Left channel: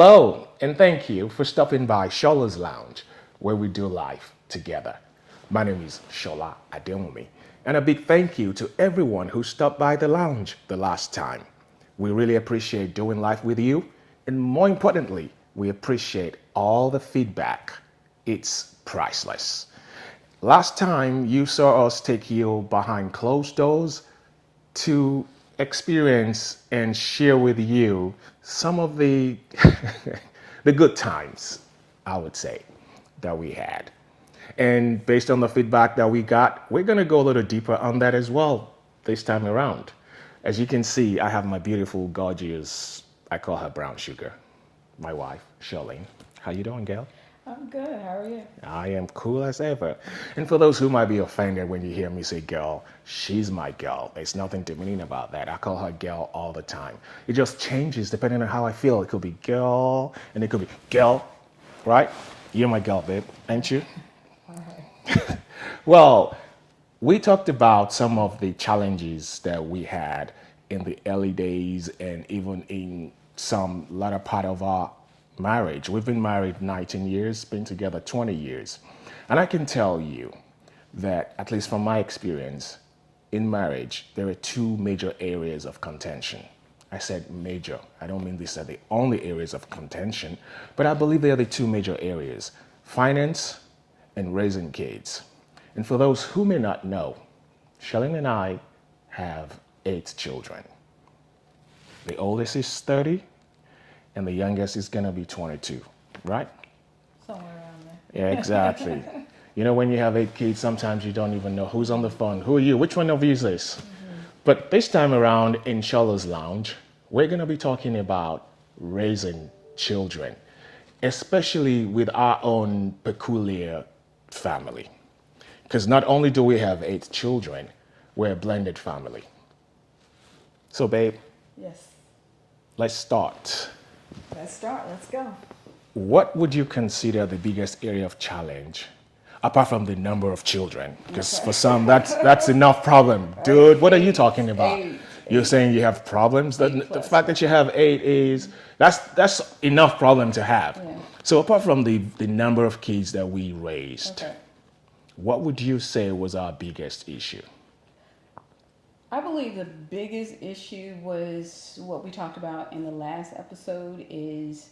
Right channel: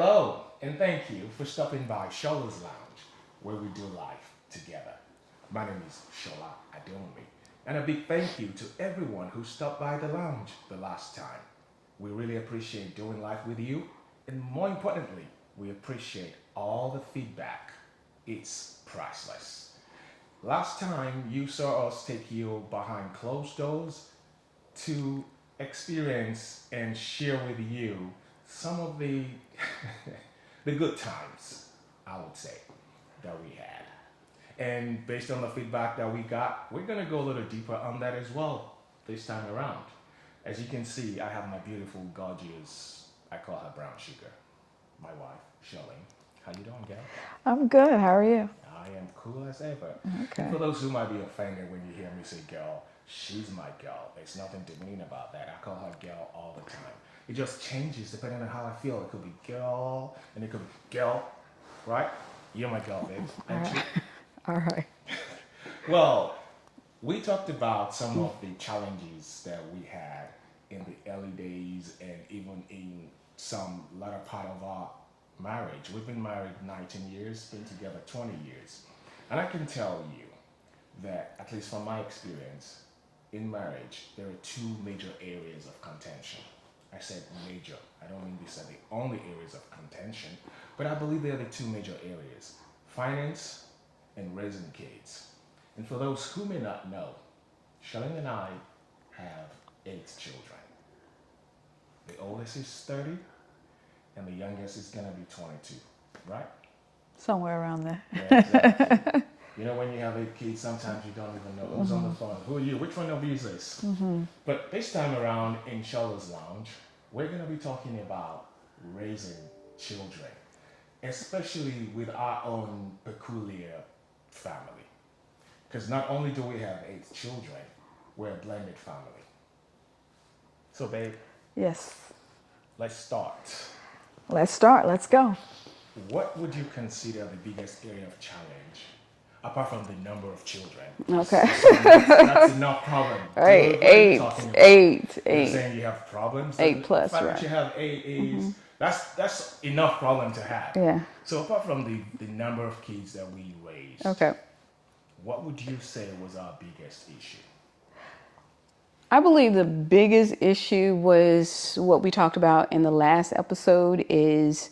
Hello, and thank you for stopping by SOLA'S Lounge, where we do life together. My name is Shola Ademumi, and a big thank you to everyone who stopped by the lounge the last time. We really appreciate doing life with you, and more importantly, we appreciate all the feedback. It's priceless. Last time you saw us take you behind closed doors to experience and share with you some of the the good times, I would say, that we had. And based on the feedback that we got, we're going to go a little deeper on that as well this time around. As you can see, I have my beautiful, gorgeous, I call her brown sugar, my wife, Charlene. How you doing, Gail? I'm good. How are you? I am cool as ever. And for those who might be offended when you hear me say girl, she's my girl. There's nothing demeaning about that. I call her girl all the time. It just changes depending on how I feel. It could be girl, and it could be girl, right? You're my girl, babe, ain't you? All right. Well, we talked about some of the challenges that we had in the early days and even in some latter part of our marriage. We've been married 19 years, been together 20 years. And I can tell you that, at least from my experience, in marriage, there are two major areas of contention. I said major. I don't mean these are the only areas of contention, but I believe they are the two major areas: finance and raising kids. And for those who may not know, Shalene and I have 8 children. The oldest is 30, and the youngest is gonna be 22, right? Somewhere around there. Yeah, exactly. You know, when you have 8 kids, sometimes you don't even know who's on the phone. Who are you? Which one of you is this? But this time around in SOLA'S Lounge, we're gonna be talking about raising children, especially with our own peculiar family. Because not only do we have 8 children, we're a blended family. So, babe, Yes. let's start. Let's start. Let's go. What would you consider the biggest area of challenge, apart from the number of children? Because Okay. for some, that's enough problem. Dude, what are you talking about? Eight. You're saying you have problems? The 8 plus, fact that you have 8 is, that's enough problem to have. Yeah. So apart from the number of kids that we raised, Okay. what would you say was our biggest issue? I believe the biggest issue was what we talked about in the last episode is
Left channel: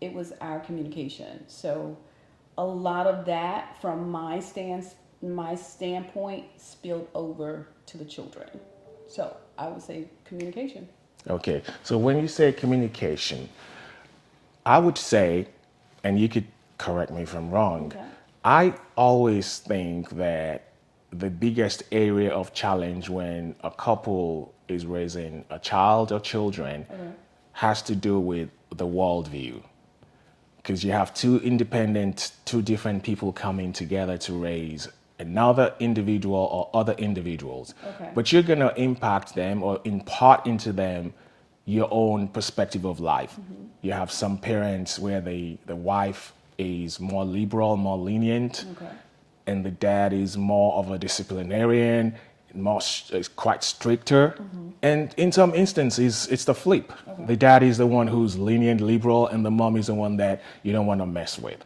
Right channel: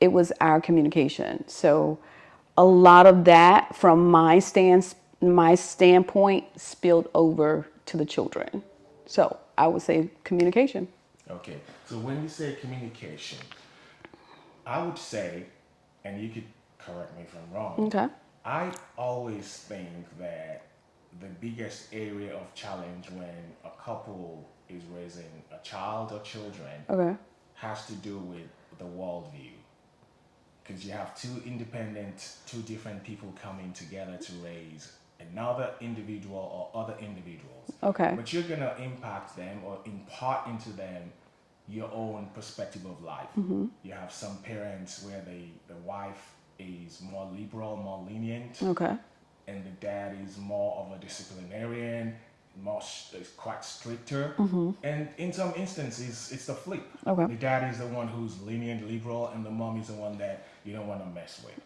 it was our communication. So a lot of that from my standpoint spilled over to the children. So I would say communication. Okay, so when you say communication, I would say, and you could correct me if I'm wrong, Okay. I always think that the biggest area of challenge when a couple is raising a child or children Okay. has to do with the worldview. Because you have two different people coming together to raise another individual or other individuals. Okay. But you're going to impact them or impart into them your own perspective of life. You have some parents where the wife is more liberal, more lenient, Okay. and the dad is more of a disciplinarian, is quite stricter. And in some instances, it's the flip. Okay. The dad is the one who's lenient, liberal, and the mom is the one that you don't want to mess with.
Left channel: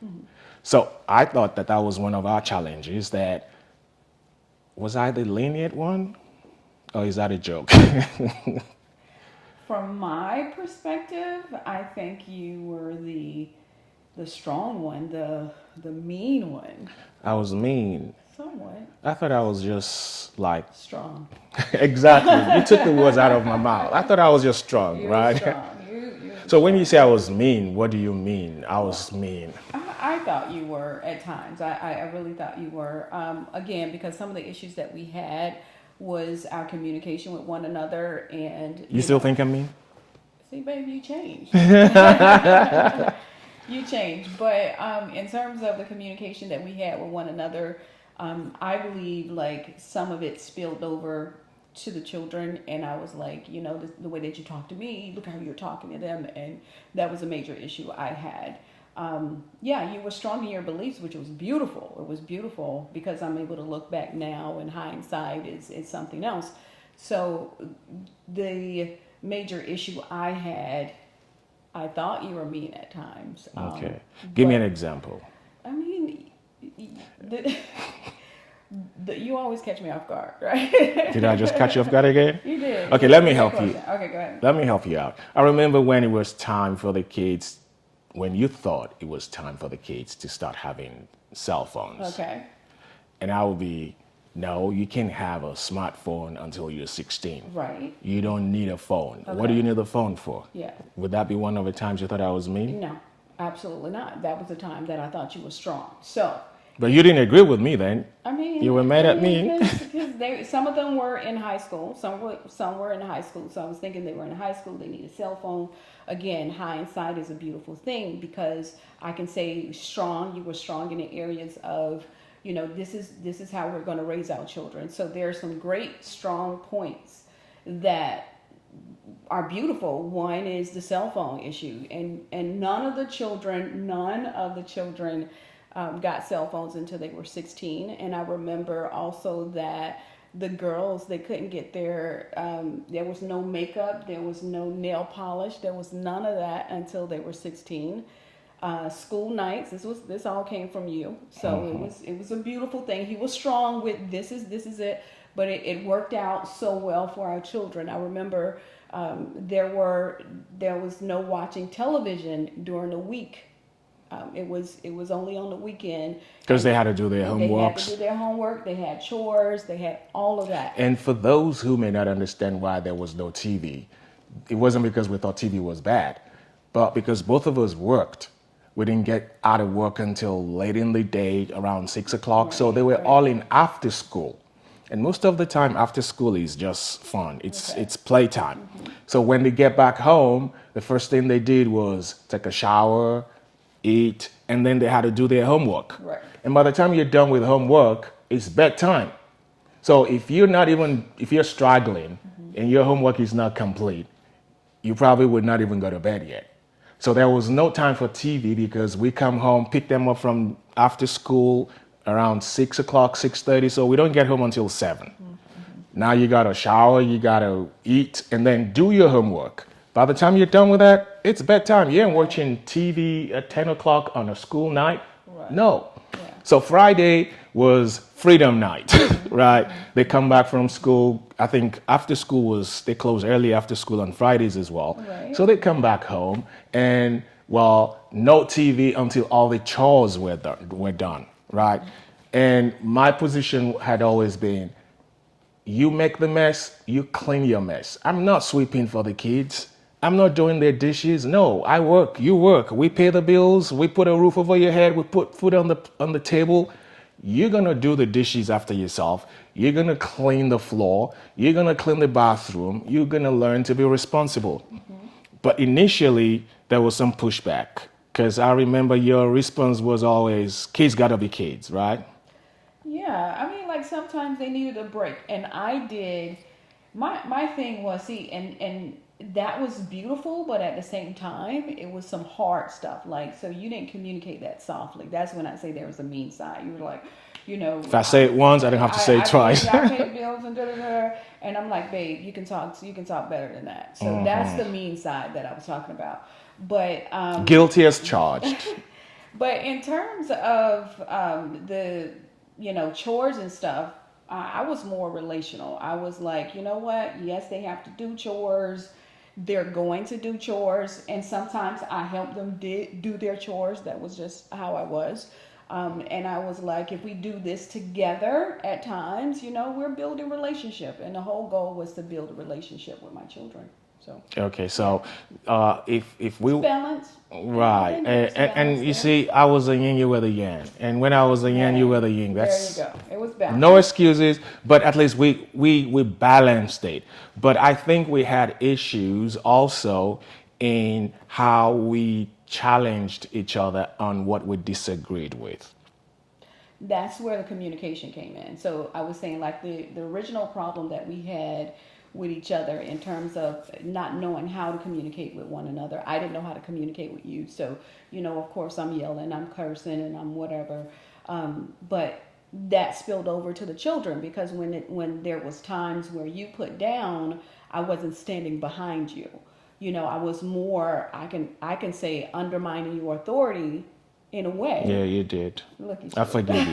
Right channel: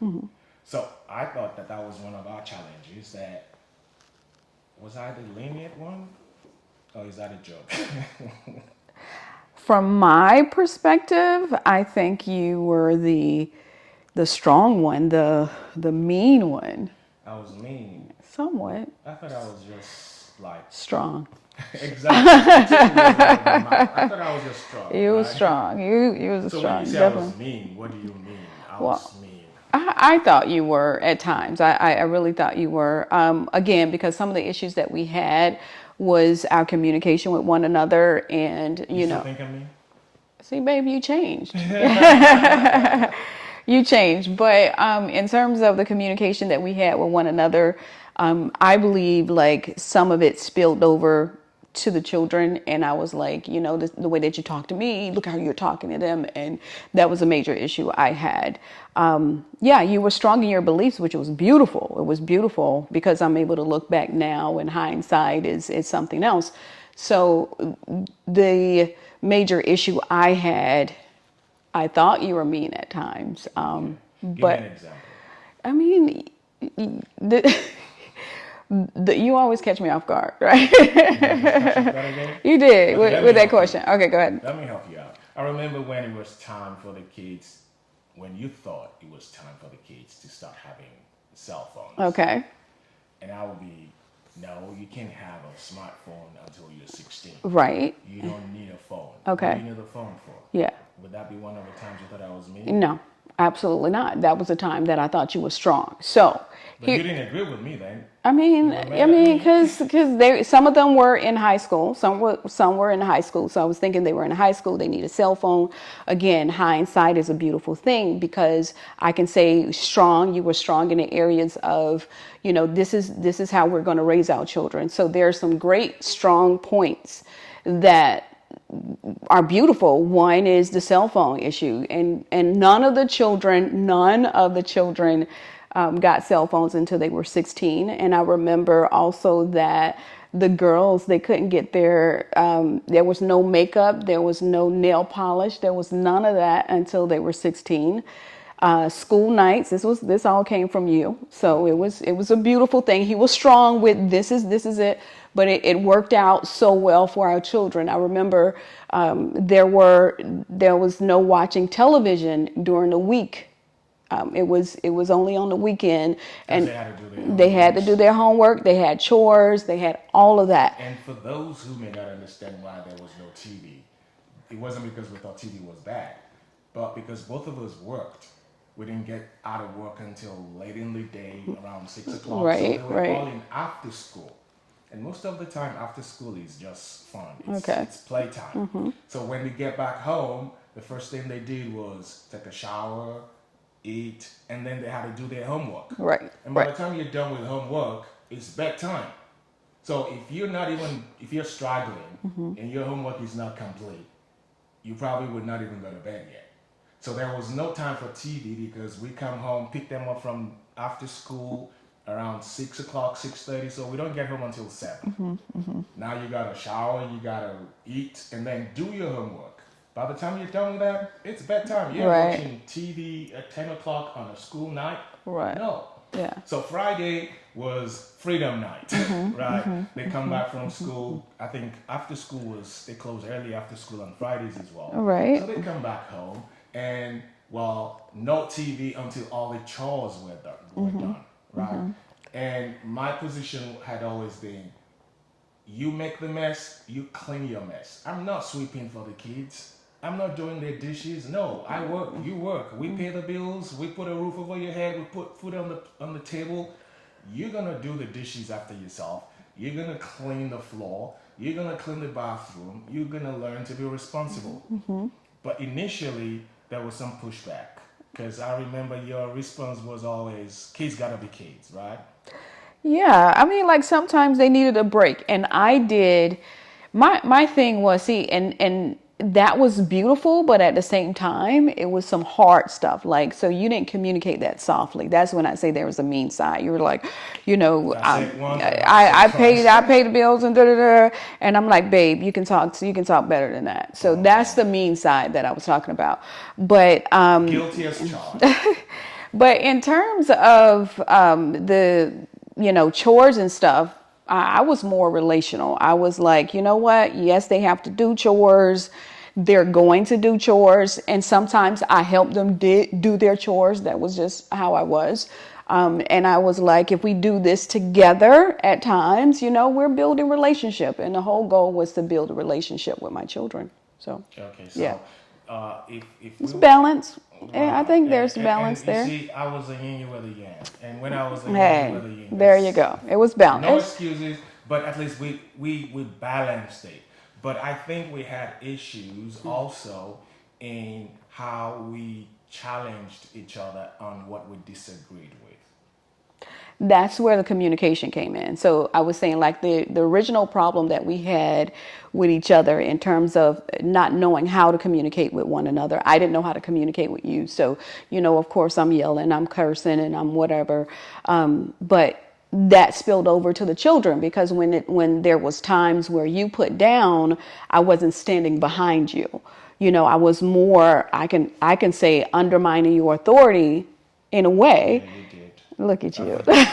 So I thought that was one of our challenges. That was I the lenient one, or is that a joke? From my perspective, I think you were the strong one, the mean one. I was mean. Somewhat I thought I was just like strong. exactly. You took the words out of my mouth. I thought I was just strong, You right? were strong. You was So strong, when you say I was definitely. mean, what do you mean? I was mean. I thought you were at times. I really thought you were. Again, because some of the issues that we had was our communication with one another, and You still think I'm mean? see, baby, you changed. You changed. But in terms of the communication that we had with one another, I believe like some of it spilled over to the children, and I was like, the way that you talk to me, look how you're talking to them, and that was a major issue I had. Yeah, you were strong in your beliefs, which was beautiful. It was beautiful because I'm able to look back now, and hindsight is something else. So the major issue I had I thought you were mean at times. Okay. Give me but an example. I mean, the, you always catch me off guard, right? Did I just catch you off guard again? You did. Okay, with, let me with that help you. question. Okay, go ahead. Let me help you out. I remember when it was time for the kids, when you thought it was time for the kids to start having cell phones. Okay. And I would be, no, you can't have a smartphone until you're 16. Right. You don't need a phone. What Okay. do you need a phone for? Yeah. Would that be one of the times you thought I was mean? No, absolutely not. That was the time that I thought you were strong. So. But you didn't agree with me then. I mean, You were mad at me? because some of them were in high school. Some were in high school. So I was thinking they were in high school. They need a cell phone. Again, hindsight is a beautiful thing because I can say strong. You were strong in the areas of, this is how we're going to raise our children. So there are some great strong points that are beautiful. One is the cell phone issue, and none of the children got cell phones until they were 16. And I remember also that the girls, they couldn't get there was no makeup, there was no nail polish, there was none of that until they were 16. School nights, this all came from you. So it was a beautiful thing. He was strong with this is it, but it worked out so well for our children. I remember there was no watching television during the week. It was only on the weekend. Because they had to do their homework. They had to do their homework. They had chores. They had all of that. And for those who may not understand why there was no TV, it wasn't because we thought TV was bad, but because both of us worked. We didn't get out of work until late in the day, around 6 o'clock. So they were all in after school. And most of the time, after school is just fun. It's playtime. So when they get back home, the first thing they did was take a shower, eat, and then they had to do their homework. Right. And by the time you're done with homework, it's bedtime. So if you're struggling and your homework is not complete, you probably would not even go to bed yet. So there was no time for TV because we come home, pick them up from after school around 6 o'clock, 6:30. So we don't get home until 7. Now you got to shower, you got to eat, and then do your homework. By the time you're done with that, it's bedtime. You ain't watching TV at 10 o'clock on a school night. Right. No. Yeah. So Friday was freedom night, right? They come back from school. I think after school they close early after school on Fridays as well. Right. So they come back home and, no TV until all the chores were done, right? And my position had always been, you make the mess, you clean your mess. I'm not sweeping for the kids. I'm not doing their dishes. No, I work, you work. We pay the bills. We put a roof over your head. We put food on the table. You're going to do the dishes after yourself. You're going to clean the floor. You're going to clean the bathroom. You're going to learn to be responsible. But initially, there was some pushback because I remember your response was always, kids got to be kids, right? Yeah, I mean, like sometimes they needed a break, and I did. My thing was, and that was beautiful, but at the same time, it was some hard stuff. Like, so you didn't communicate that softly. That's when I say there was a mean side. You were like, If I say it once, I didn't have to say it twice. I pay the bills and and I'm like, babe, you can talk better than that. So that's the mean side that I was talking about. But guilty as charged. But in terms of the chores and stuff, I was more relational. I was like, you know what? Yes, they have to do chores. They're going to do chores. And sometimes I help them do their chores. That was just how I was. And I was like, if we do this together at times, we're building relationship. And the whole goal was to build a relationship with my children. So okay, so if we it's balance, right, I think there's balance and you there. see, I was a yin, you were the yang, and when I was a yang, you were the yin. There you go. It was balance. No excuses, but at least we balanced it. But I think we had issues also in how we challenged each other on what we disagreed with. That's where the communication came in. So I was saying, like, the original problem that we had with each other in terms of not knowing how to communicate with one another. I didn't know how to communicate with you. So, of course I'm yelling, I'm cursing, and I'm whatever. But that spilled over to the children because when there was times where you put down, I wasn't standing behind you. I was more, I can say, undermining your authority in a Yeah, way. you did. Look at I you. forgive you.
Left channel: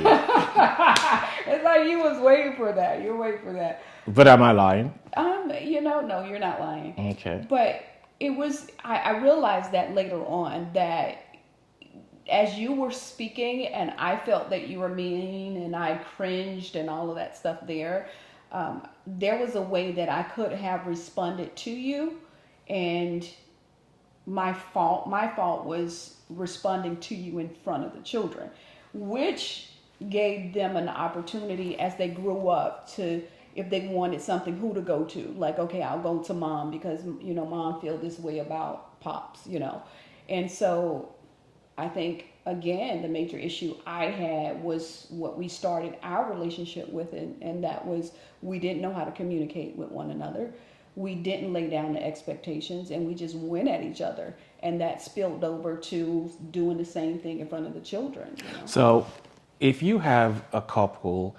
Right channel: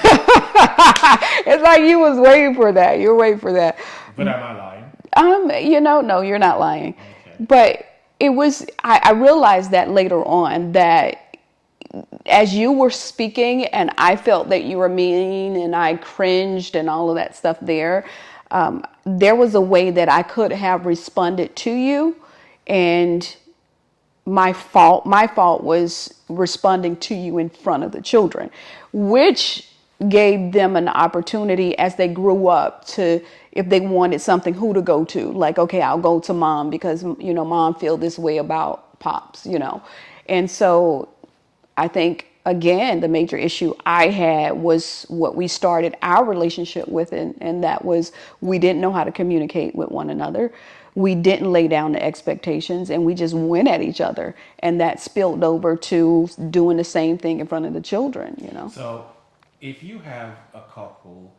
It's like you was waiting for that. You're waiting for that. But am I lying? No, you're not lying. Okay. But it was, I realized that later on, that as you were speaking and I felt that you were mean and I cringed and all of that stuff there was a way that I could have responded to you, and my fault was responding to you in front of the children, which gave them an opportunity as they grew up to, if they wanted something, who to go to. Like, okay, I'll go to mom because mom feel this way about pops. And so I think, again, the major issue I had was what we started our relationship with, and that was, we didn't know how to communicate with one another. We didn't lay down the expectations, and we just went at each other. And that spilled over to doing the same thing in front of the children. So, if you have a couple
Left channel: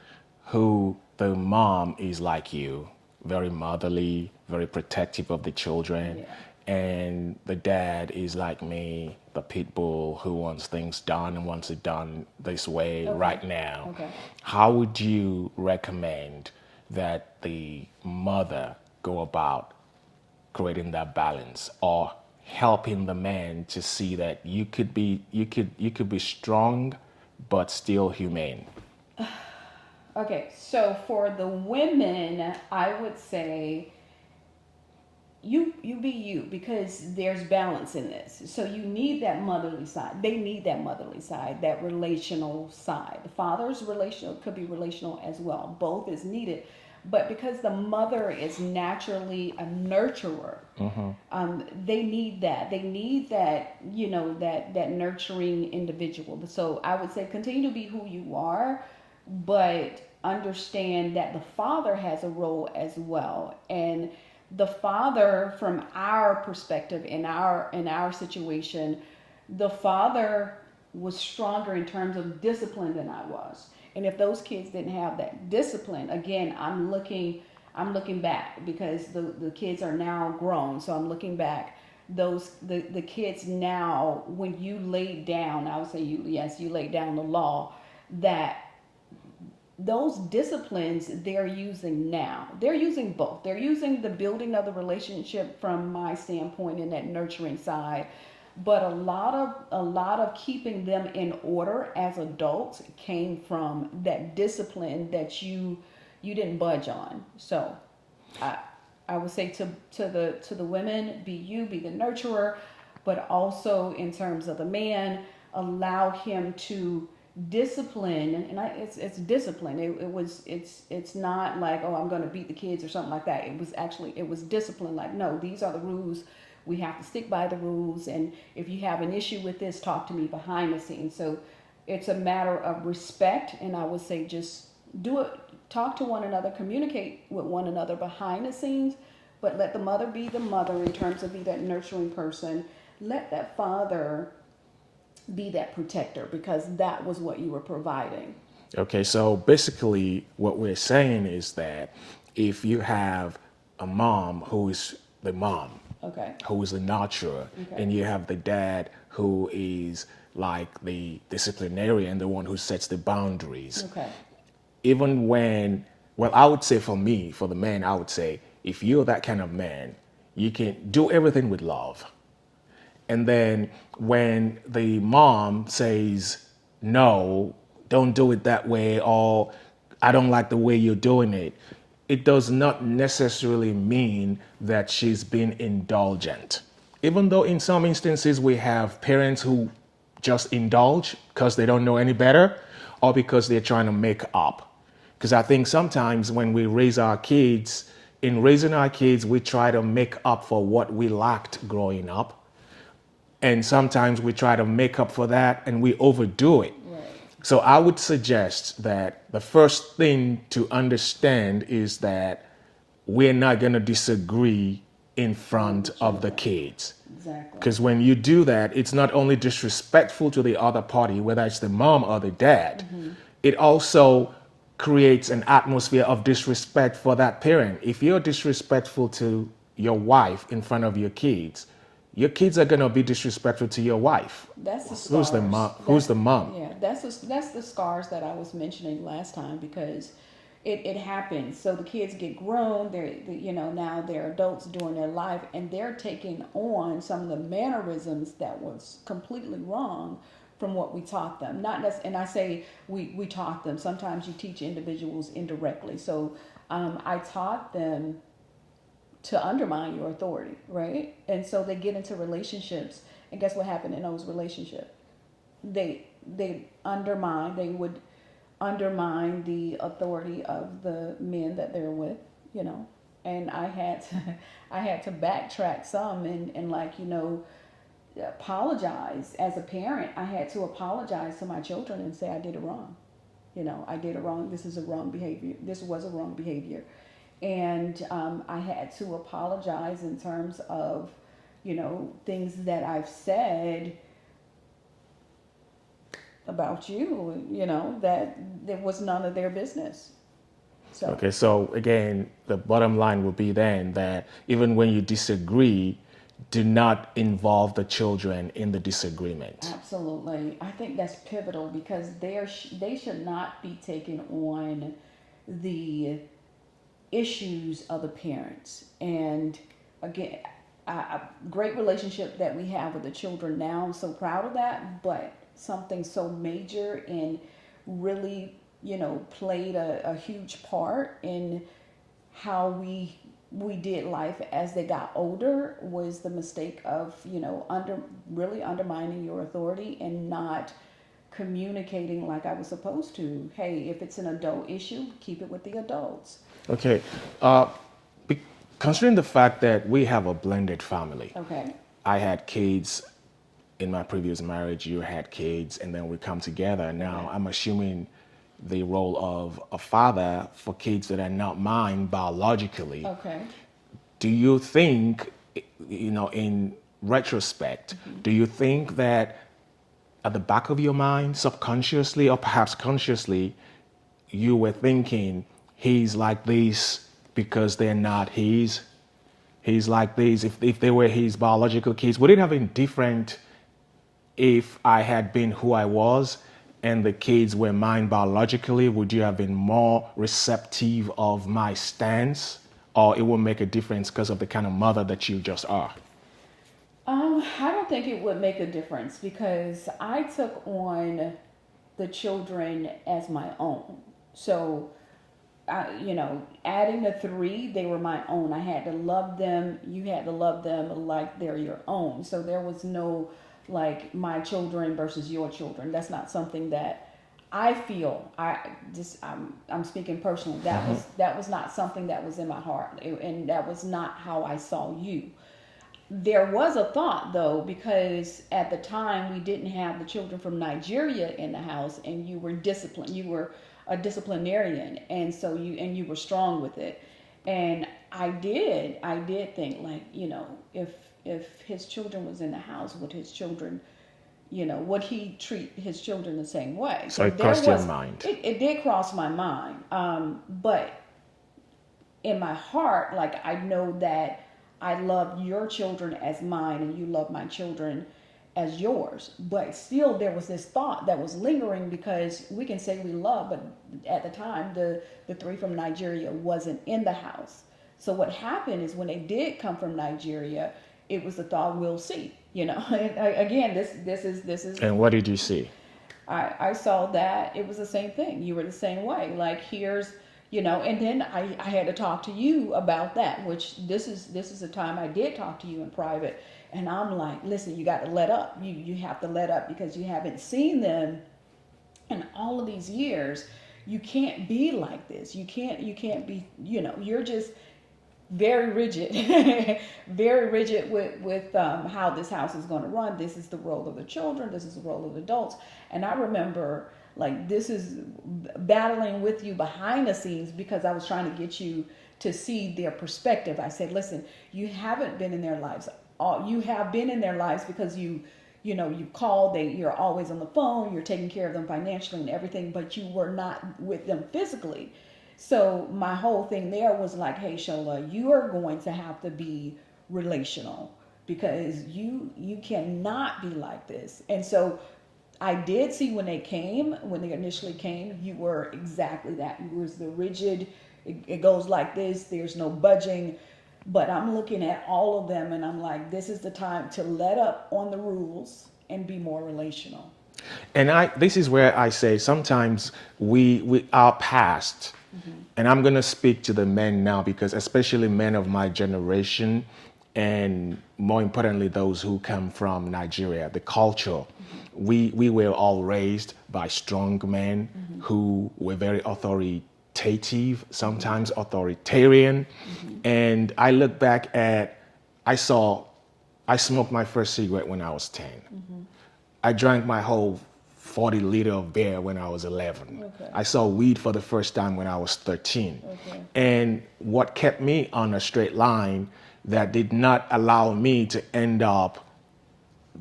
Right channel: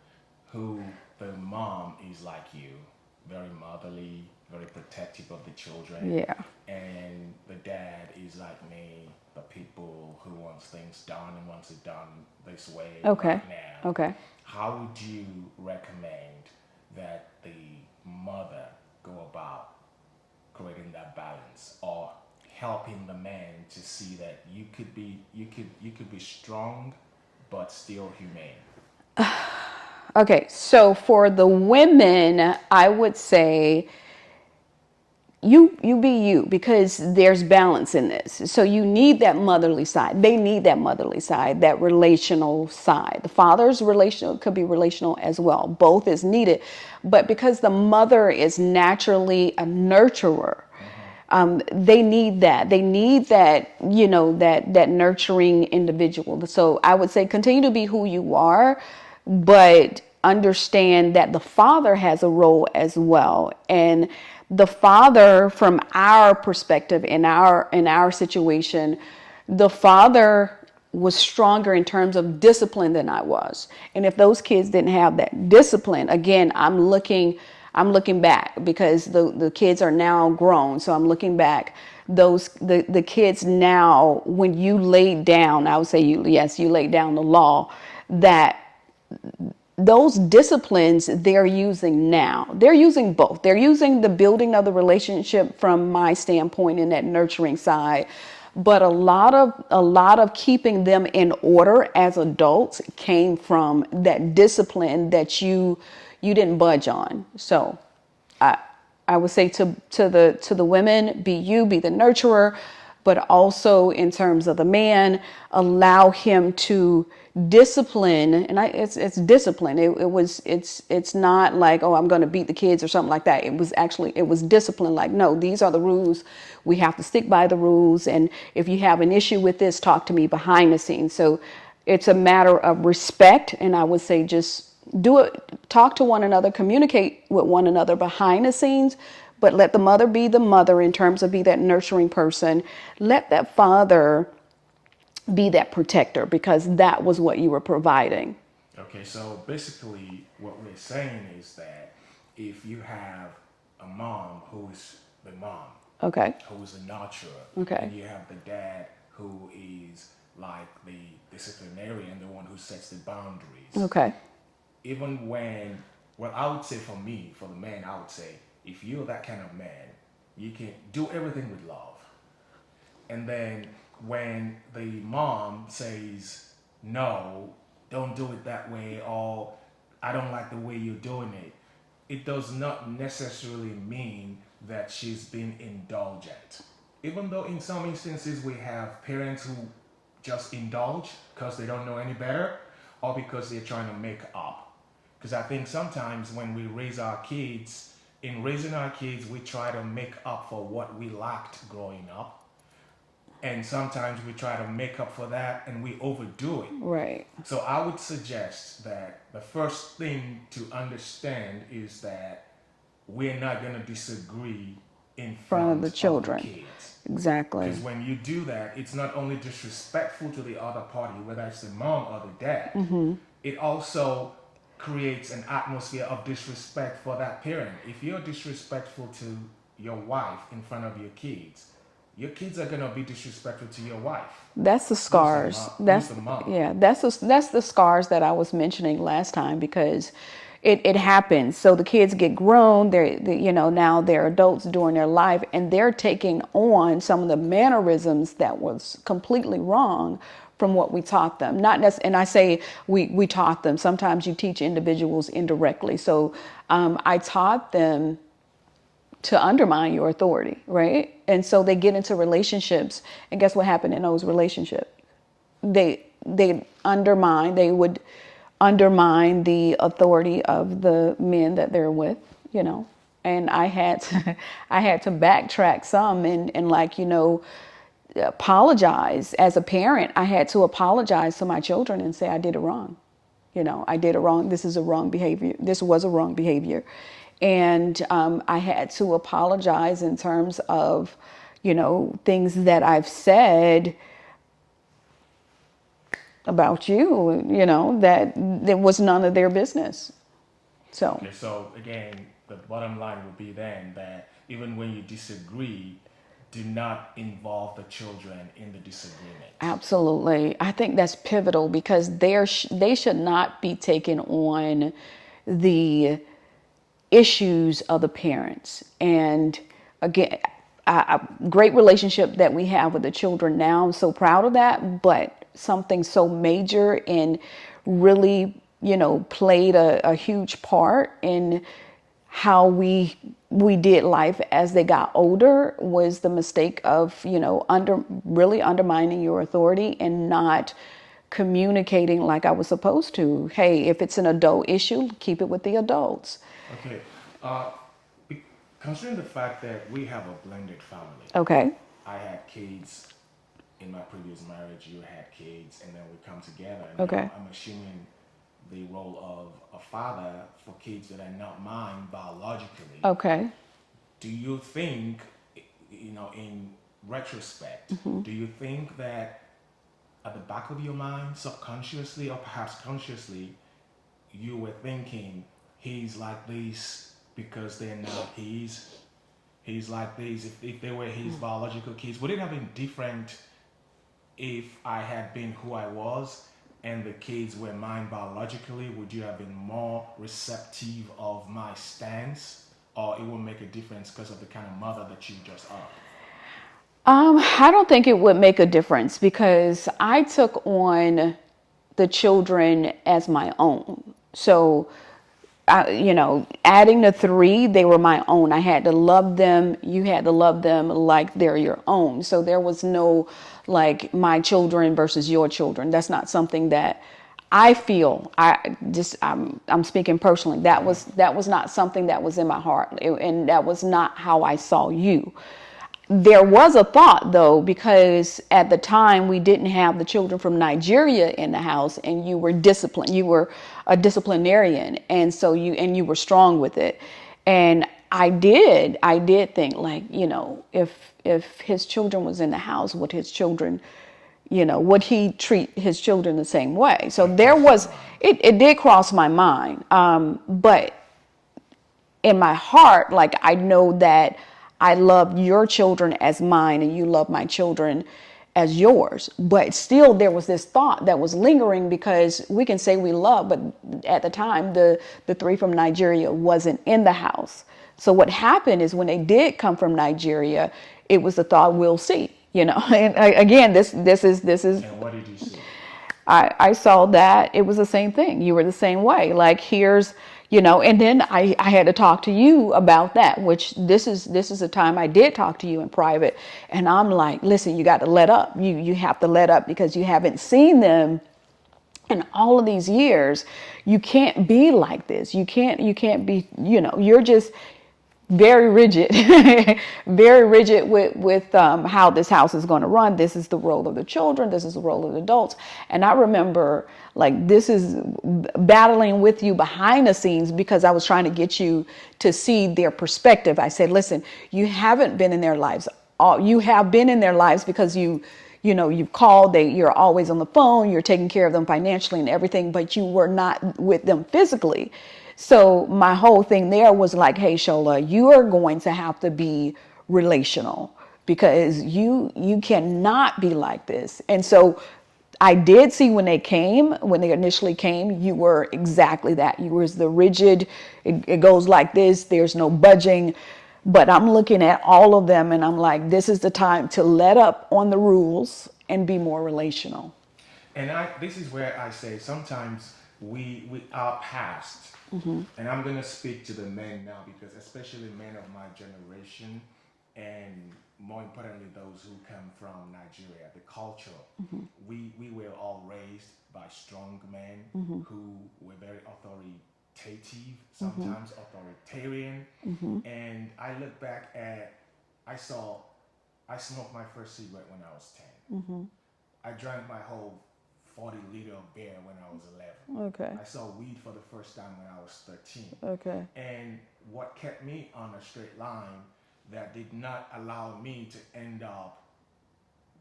who the mom is like you, very motherly, very protective of the children, Yeah. and the dad is like me, the pit bull who wants things done and wants it done this way Okay. right now, Okay. how would you recommend that the mother go about creating that balance, or helping the man to see that you could be strong but still humane? Okay, so for the women, I would say you be you, because there's balance in this. So you need that motherly side. They need that motherly side, that relational side. The father's relational could be relational as well. Both is needed. But because the mother is naturally a nurturer, they need that. They need that, that nurturing individual. So I would say continue to be who you are, but understand that the father has a role as well. And the father, from our perspective, in our situation, the father was stronger in terms of discipline than I was. And if those kids didn't have that discipline, again, I'm looking back, because the kids are now grown. So I'm looking back. The kids now, when you laid down, I would say you laid down the law, that those disciplines they're using now. They're using both. They're using the building of the relationship from my standpoint in that nurturing side. But a lot of keeping them in order as adults came from that discipline that you didn't budge on. So I would say to the women, be you, be the nurturer, but also in terms of the man, allow him to discipline. And it's discipline. It's not like, oh, I'm going to beat the kids or something like that. It was discipline. Like, no, these are the rules. We have to stick by the rules. And if you have an issue with this, talk to me behind the scenes. So it's a matter of respect. And I would say just do it. Talk to one another, communicate with one another behind the scenes, but let the mother be the mother in terms of be that nurturing person. Let that father be that protector, because that was what you were providing. Okay, so basically what we're saying is that if you have a mom who is the mom, Okay. who is the nurturer, Okay. and you have the dad who is like the disciplinarian, the one who sets the boundaries. Okay. Even when, well, I would say for me, for the man, I would say, if you're that kind of man, you can do everything with love. And then when the mom says, no, don't do it that way, or I don't like the way you're doing it, it does not necessarily mean that she's being indulgent. Even though in some instances we have parents who just indulge because they don't know any better, or because they're trying to make up. Because I think sometimes when we raise our kids, in raising our kids, we try to make up for what we lacked growing up. And sometimes we try to make up for that and we overdo it. Right. So I would suggest that the first thing to understand is that we're not going to disagree in front of the children. kids. Exactly. Because when you do that, it's not only disrespectful to the other party, whether it's the mom or the dad, it also creates an atmosphere of disrespect for that parent. If you're disrespectful to your wife in front of your kids are gonna be disrespectful to your wife. That's the scars. Who's the mom? Yeah, that's the scars that I was mentioning last time, because it happens. So the kids get grown. Now they're adults during their life, and they're taking on some of the mannerisms that was completely wrong from what we taught them. And I say we taught them. Sometimes you teach individuals indirectly. So I taught them to undermine your authority, right? And so they get into relationships, and guess what happened in those relationships? They would undermine the authority of the men that they're with, And I had to backtrack some and apologize. As a parent, I had to apologize to my children and say I did it wrong. I did it wrong. This is a wrong behavior. This was a wrong behavior. And I had to apologize in terms of, things that I've said about you, that was none of their business. So. Okay, so again, the bottom line will be then that even when you disagree, do not involve the children in the disagreement. Absolutely. I think that's pivotal, because they should not be taking on the issues of the parents. And again, a great relationship that we have with the children now. I'm so proud of that. But something so major and really, played a huge part in how we did life as they got older was the mistake of, really undermining your authority and not communicating like I was supposed to. Hey, if it's an adult issue, keep it with the adults. Okay. Considering the fact that we have a blended family. Okay. I had kids in my previous marriage, you had kids, and then we come together. Now Okay. I'm assuming the role of a father for kids that are not mine biologically. Okay. Do you think, in retrospect, do you think that at the back of your mind, subconsciously or perhaps consciously, you were thinking, he's like this because they're not his? He's like this. If they were his biological kids, would it have been different if I had been who I was and the kids were mine biologically? Would you have been more receptive of my stance, or it will make a difference because of the kind of mother that you just are? I don't think it would make a difference, because I took on the children as my own. So, adding the 3, they were my own. I had to love them. You had to love them like they're your own. So there was no like my children versus your children. That's not something that I feel. I'm speaking personally. That was not something that was in my heart, and that was not how I saw you. There was a thought, though, because at the time we didn't have the children from Nigeria in the house, and you were disciplined. You were a disciplinarian, and so you were strong with it. And I did think, like, if his children was in the house, would his children, would he treat his children the same way? So there was, it did cross my mind. But in my heart, like, I know that I love your children as mine and you love my children as yours. But still there was this thought that was lingering, because we can say we love, but at the time the 3 from Nigeria wasn't in the house. So what happened is when they did come from Nigeria, it was the thought, we'll see, And again, this is. And what did you see? I saw that it was the same thing. You were the same way. Like, here's, and then I had to talk to you about that, which this is a time I did talk to you in private. And I'm like, listen, you got to let up. You have to let up, because you haven't seen them in all of these years. You can't be like this. You can't be, you're just very rigid, very rigid with how this house is going to run. This is the role of the children. This is the role of the adults. And I remember, like, this is battling with you behind the scenes, because I was trying to get you to see their perspective. I said, listen, you haven't been in their lives. You have been in their lives because you've called, you're always on the phone, you're taking care of them financially and everything, but you were not with them physically. So my whole thing there was like, hey, Shola, you are going to have to be relational because you cannot be like this. And so I did see when they initially came, you were exactly that. You was the rigid, it goes like this, there's no budging. But I'm looking at all of them and I'm like, this is the time to let up on the rules and be more relational. And this is where I say sometimes we our past, and I'm gonna speak to the men now because especially men of my generation, and more importantly those who come from Nigeria, the culture, we were all raised by strong men who were very authoritative, sometimes authoritarian, and I look back at I smoked my first cigarette when I was 10. I drank my whole 40 liter of beer when I was 11. Okay. I saw weed for the first time when I was 13. Okay. And what kept me on a straight line that did not allow me to end up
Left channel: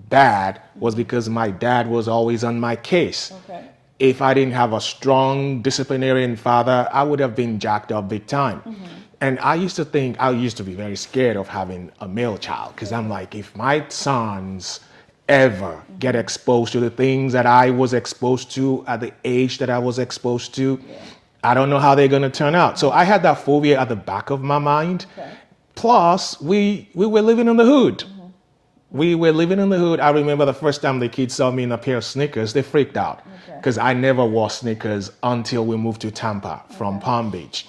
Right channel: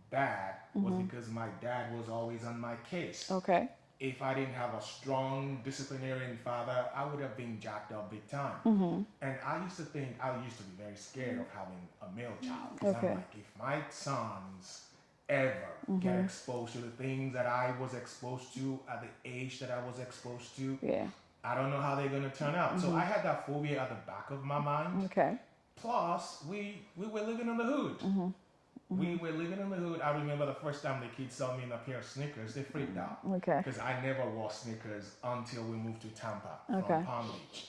bad was because my dad was always on my case. Okay. If I didn't have a strong disciplinarian father, I would have been jacked up big time. And I used to be very scared of having a male child because I'm like, if my sons ever get exposed to the things that I was exposed to at the age that I was exposed to, I don't know how they're going to turn out. So I had that phobia at the back of my mind. Okay. Plus, we were living in the hood. We were living in the hood. I remember the first time the kids saw me in a pair of sneakers, they freaked out Okay. because I never wore sneakers until we moved to Tampa from Palm Beach.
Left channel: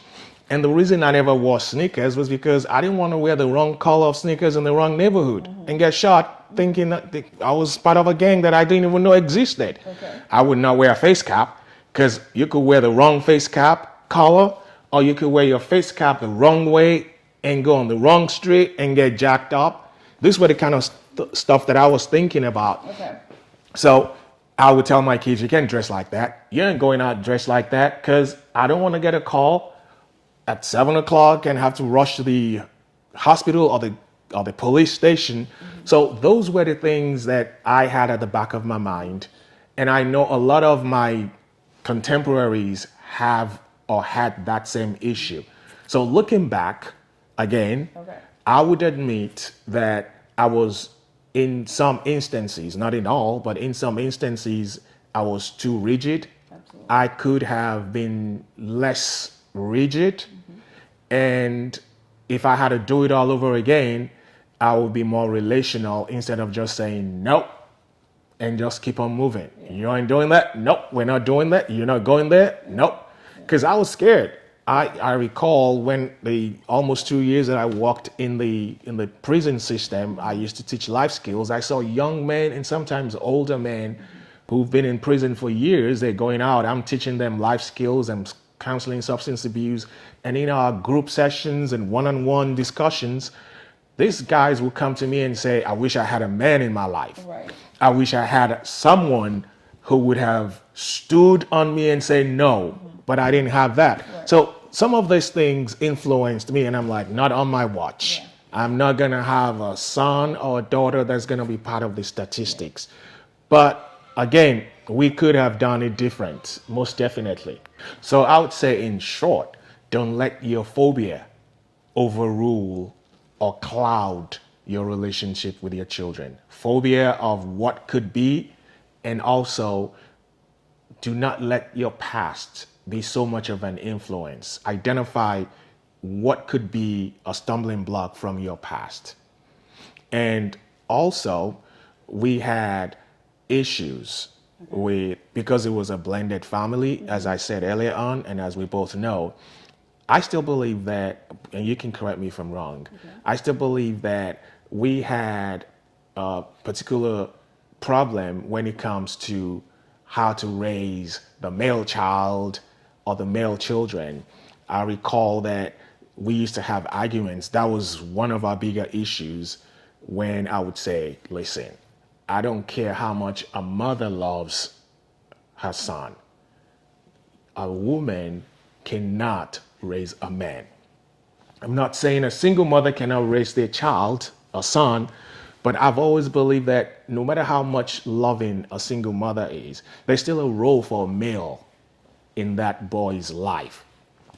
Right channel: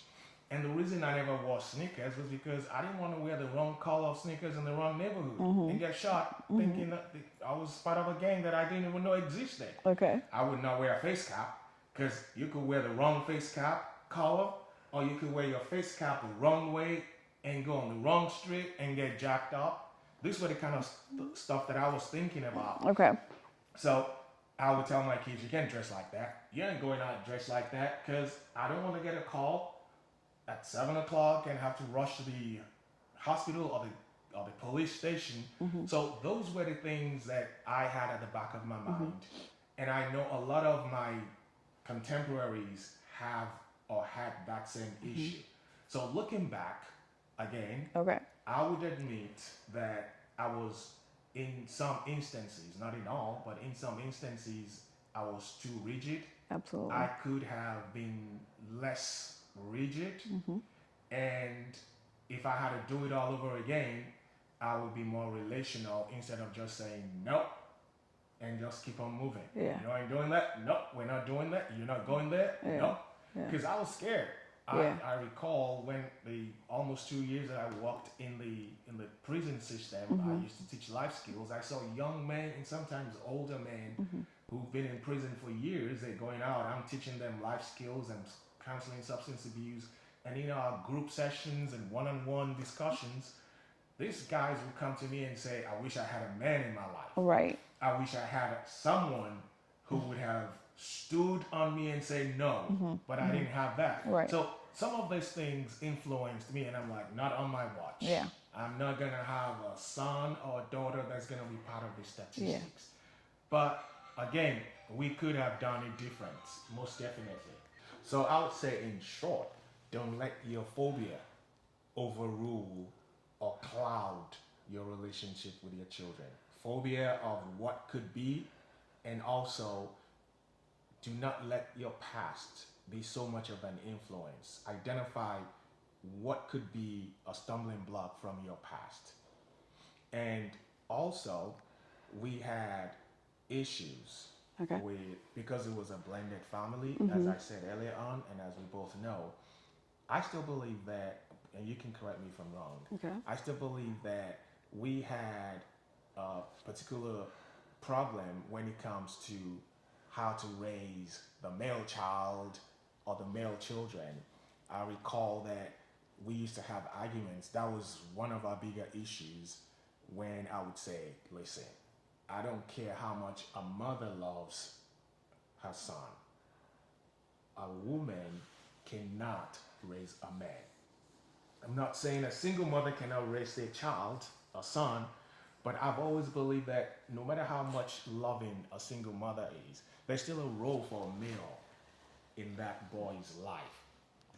And the reason I never wore sneakers was because I didn't want to wear the wrong color of sneakers in the wrong neighborhood and get shot thinking that I was part of a gang that I didn't even know existed. Okay. I would not wear a face cap because you could wear the wrong face cap color, or you could wear your face cap the wrong way and go on the wrong street and get jacked up. These were the kind of stuff that I was thinking about. Okay. So I would tell my kids, you can't dress like that. You ain't going out dressed like that because I don't want to get a call at 7 o'clock and have to rush to the hospital or the police station. So those were the things that I had at the back of my mind. And I know a lot of my contemporaries have or had that same issue. So looking back again, I would admit that I was in some instances, not in all, but in some instances, I was too rigid. Absolutely. I could have been less rigid. And if I had to do it all over again, I would be more relational instead of just saying nope and just keep on moving. You ain't doing that? Nope, we're not doing that. You're not going there? Nope. Because I was scared. I recall when the almost 2 years that I worked in the prison system, I used to teach life skills. I saw young men and sometimes older men who've been in prison for years. They're going out. I'm teaching them life skills and counseling substance abuse. And in our group sessions and one-on-one discussions, these guys will come to me and say, I wish I had a man in my life. Right. I wish I had someone who would have stood on me and say no, but I didn't have that. Right. So some of these things influenced me, and I'm like, not on my watch. Yeah. I'm not going to have a son or a daughter that's going to be part of the statistics. But again, we could have done it different, most definitely. So I would say, in short, don't let your phobia overrule or cloud your relationship with your children. Phobia of what could be, and also do not let your past be so much of an influence. Identify what could be a stumbling block from your past. And also, we had issues with, because it was a blended family, as I said earlier on, and as we both know, I still believe that, and you can correct me if I'm wrong, I still believe that we had a particular problem when it comes to how to raise the male child or the male children. I recall that we used to have arguments. That was one of our bigger issues, when I would say, listen, I don't care how much a mother loves her son. A woman cannot raise a man. I'm not saying a single mother cannot raise their child, a son, but I've always believed that no matter how much loving a single mother is, there's still a role for a male in that boy's life.